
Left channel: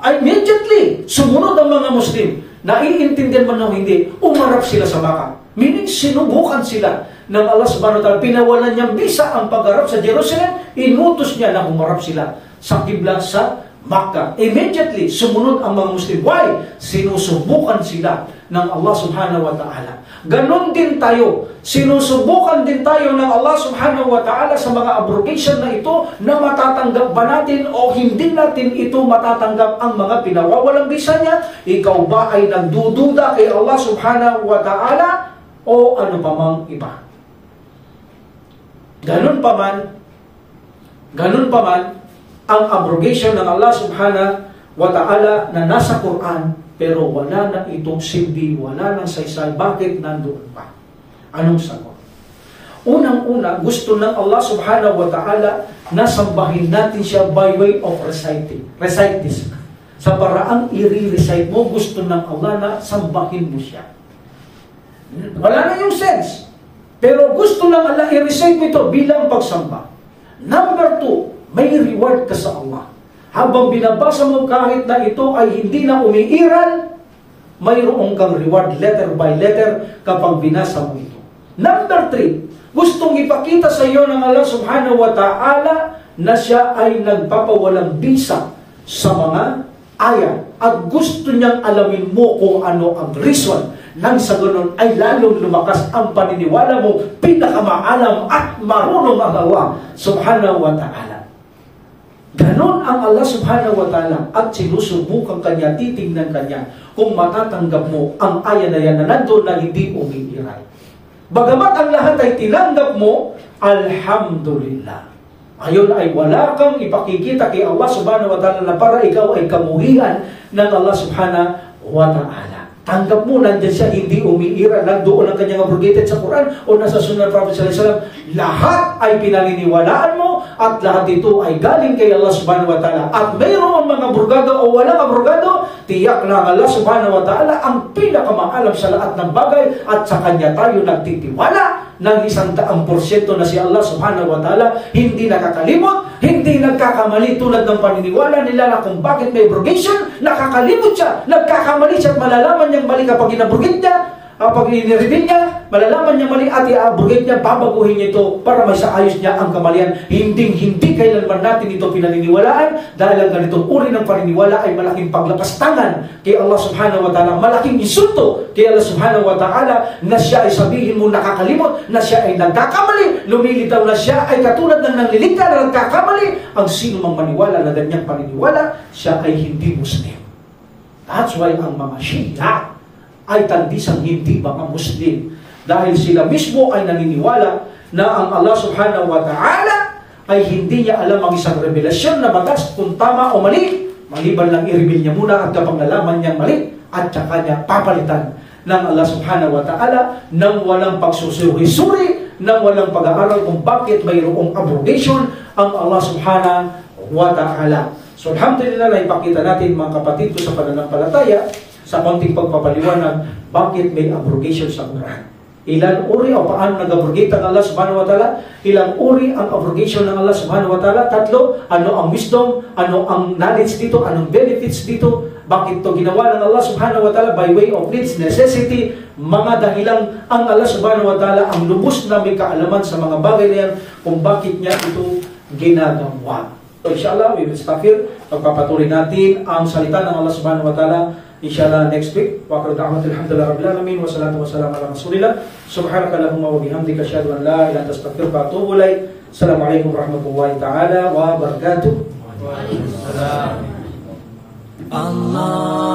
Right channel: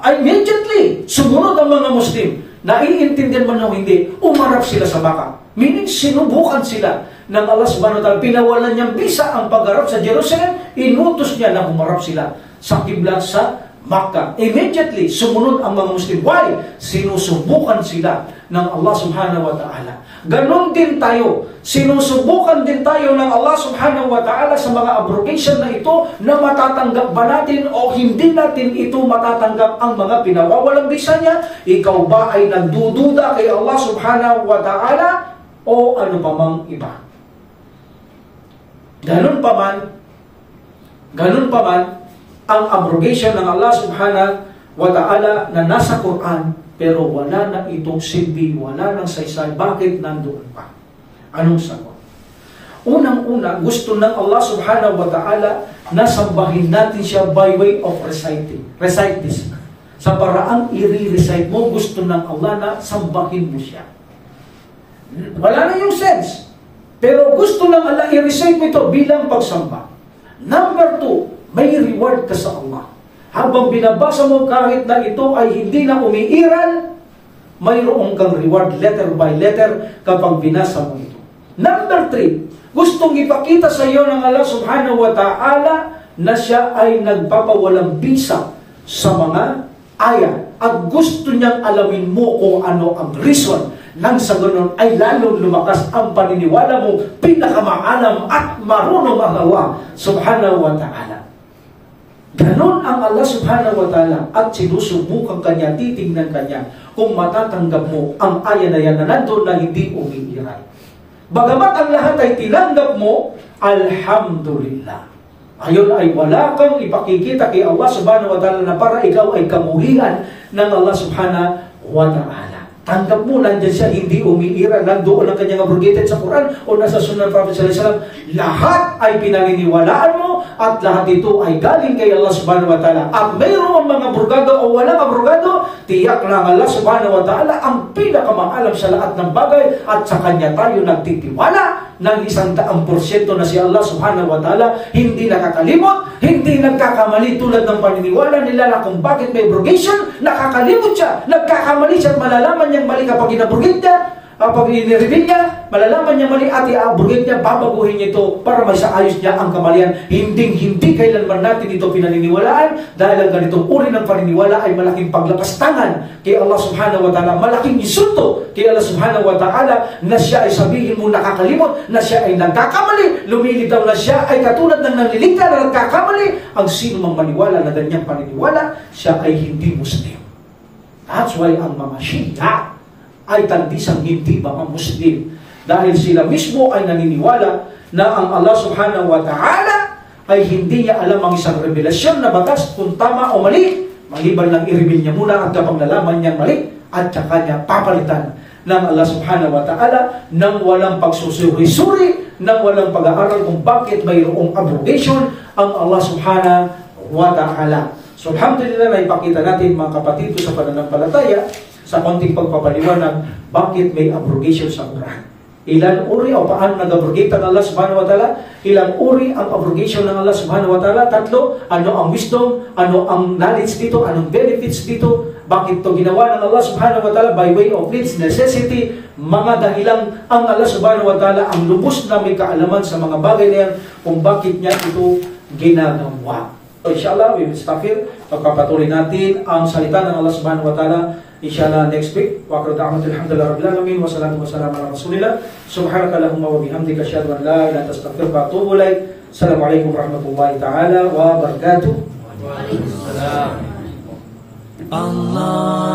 Immediately, sumunod ang mga Muslim. Naiintindihan man o hindi, umarap sila sa Makkah. Meaning, sinubukan sila ng Allah Subhanahu wa Ta'ala. Pinawalan niyang bisa ang pagharap sa Jerusalem, inutos niya na humarap sila sa kibla sa Makkah. Immediately, sumunod ang mga Muslim. Why? Sinusubukan sila ng Allah Subhanahu wa Ta'ala. Ganon din tayo. Sinusubukan din tayo ng Allah Subhanahu wa Ta'ala sa mga abrogation na ito na matatanggap ba natin o hindi natin ito matatanggap ang mga pinawawalang bisa niya. Ikaw ba ay nagdududa kay Allah Subhanahu wa Ta'ala o ano pa mang iba? Ganon pa man, ang abrogation ng Allah Subhanahu wa Ta'ala na nasa Quran, pero wala na itong silbi, wala nang saysay. Bakit nandoon pa? Anong sagot? Unang-una, gusto ng Allah Subhanahu wa Ta'ala na sambahin natin siya by way of reciting. Recite this. Sa paraang i-recite mo, gusto ng Allah na sambahin mo siya. Wala na yung sense. Pero gusto ng Allah i-recite mo ito bilang pagsamba. Number 2, may reward ka sa Allah. Habang binabasa mo kahit na ito ay hindi na umiiral, mayroong kang reward letter by letter kapag binasa mo ito. Number 3, gustong ipakita sa iyo ng Allah Subhanahu wa Ta'ala na siya ay nagpapawalang bisa sa mga ayat. At gusto niyang alamin mo kung ano ang reason. Nang sa ganun ay lalong lumakas ang paniniwala mo, pinakamaalam at marunong ang Allah Subhanahu wa Ta'ala. Ganon ang Allah Subhanahu wa Ta'ala at sinusubukan kanya, titingnan kanya kung matatanggap mo ang aya na yan na nandun na hindi umiiral. Bagamat ang lahat ay tinanggap mo, alhamdulillah. Ayon ay wala kang ipakikita kay Allah Subhanahu wa Ta'ala na para ikaw ay kamuhian ng Allah Subhanahu wa Ta'ala. Tanggap mo, nandyan siya, hindi umiiral, nandoon ang kanyang abrogated sa Quran o nasa Sunnah Prophet sallallahu alaihi wasallam. Lahat ay pinaniniwalaan mo at lahat ito ay galing kay Allah Subhanahu wa Ta'ala. At mayroon mga abrogado o walang abrogado, tiyak lang Allah Subhanahu wa Ta'ala ang pinakamaalam sa lahat ng bagay at sa kanya tayo nagtitiwala ng 100% na si Allah Subhanahu wa Ta'ala hindi nakakalimot, hindi nagkakamali tulad ng paniniwala nila na kung bakit may abrogation, nakakalimot siya, nagkakamali siya at malalaman niyang mali kapag inabrogate niya, kapag inireveal niya, malalaman niya mali at i-abrogate niya, babaguhin niya ito para may saayos niya ang kamalian. Hindi kailanman natin ito pinaniniwalaan dahil ang ganitong uri ng paniniwala ay malaking paglapastangan kay Allah Subhanahu wa Ta'ala, malaking insulto kay Allah Subhanahu wa Ta'ala na siya ay sabihin mo nakakalimot, na siya ay nagkakamali, lumilitaw na siya ay katulad ng nanliligta na nagkakamali. Ang sino mang maniwala na ganyang paniniwala, siya ay hindi Muslim. That's why ang mga Shia ay tandisang hindi mga Muslim. Dahil sila mismo ay naniniwala na ang Allah Subhanahu wa Ta'ala ay hindi niya alam ang isang revelasyon na batas kung tama o mali. Maliban lang i-reveal niya muna at kapag nalaman niyang mali, at saka niya papalitan ng Allah Subhanahu wa Ta'ala nang walang pagsusuri-suri, nang walang pag-aaral kung bakit mayroong abrogation ang Allah Subhanahu wa Ta'ala. So alhamdulillah na ipakita natin mga kapatid ko sa pananampalataya sa konting pagpapaliwanag bakit may abrogation sa Quran. Ilang uri o paano nag-abrogate ang Allah Subhanahu wa Ta'ala? Ilang uri ang abrogation ng Allah Subhanahu wa Ta'ala? 3. Ano ang wisdom? Ano ang knowledge dito? Anong benefits dito? Bakit ito ginawa ng Allah Subhanahu wa Ta'ala? By way of needs, necessity, mga dahilang ang Allah Subhanahu wa Ta'ala ang lubos na may kaalaman sa mga bagay na yan kung bakit niya ito ginagawa. So inshallah, we will stop here. Pagpapatuloy natin ang salita ng Allah Subhanahu wa Ta'ala inshallah next week. Wa akhiru da'wana alhamdulillahi rabbil alamin wa salatu wassalamu ala rasulillah. Subhanakallahumma wa bihamdika asyhadu an la ilaha illa anta astaghfiruka wa atubu ilaik. Assalamualaikum warahmatullahi taala wabarakatuh. Waalaikumsalam. Allah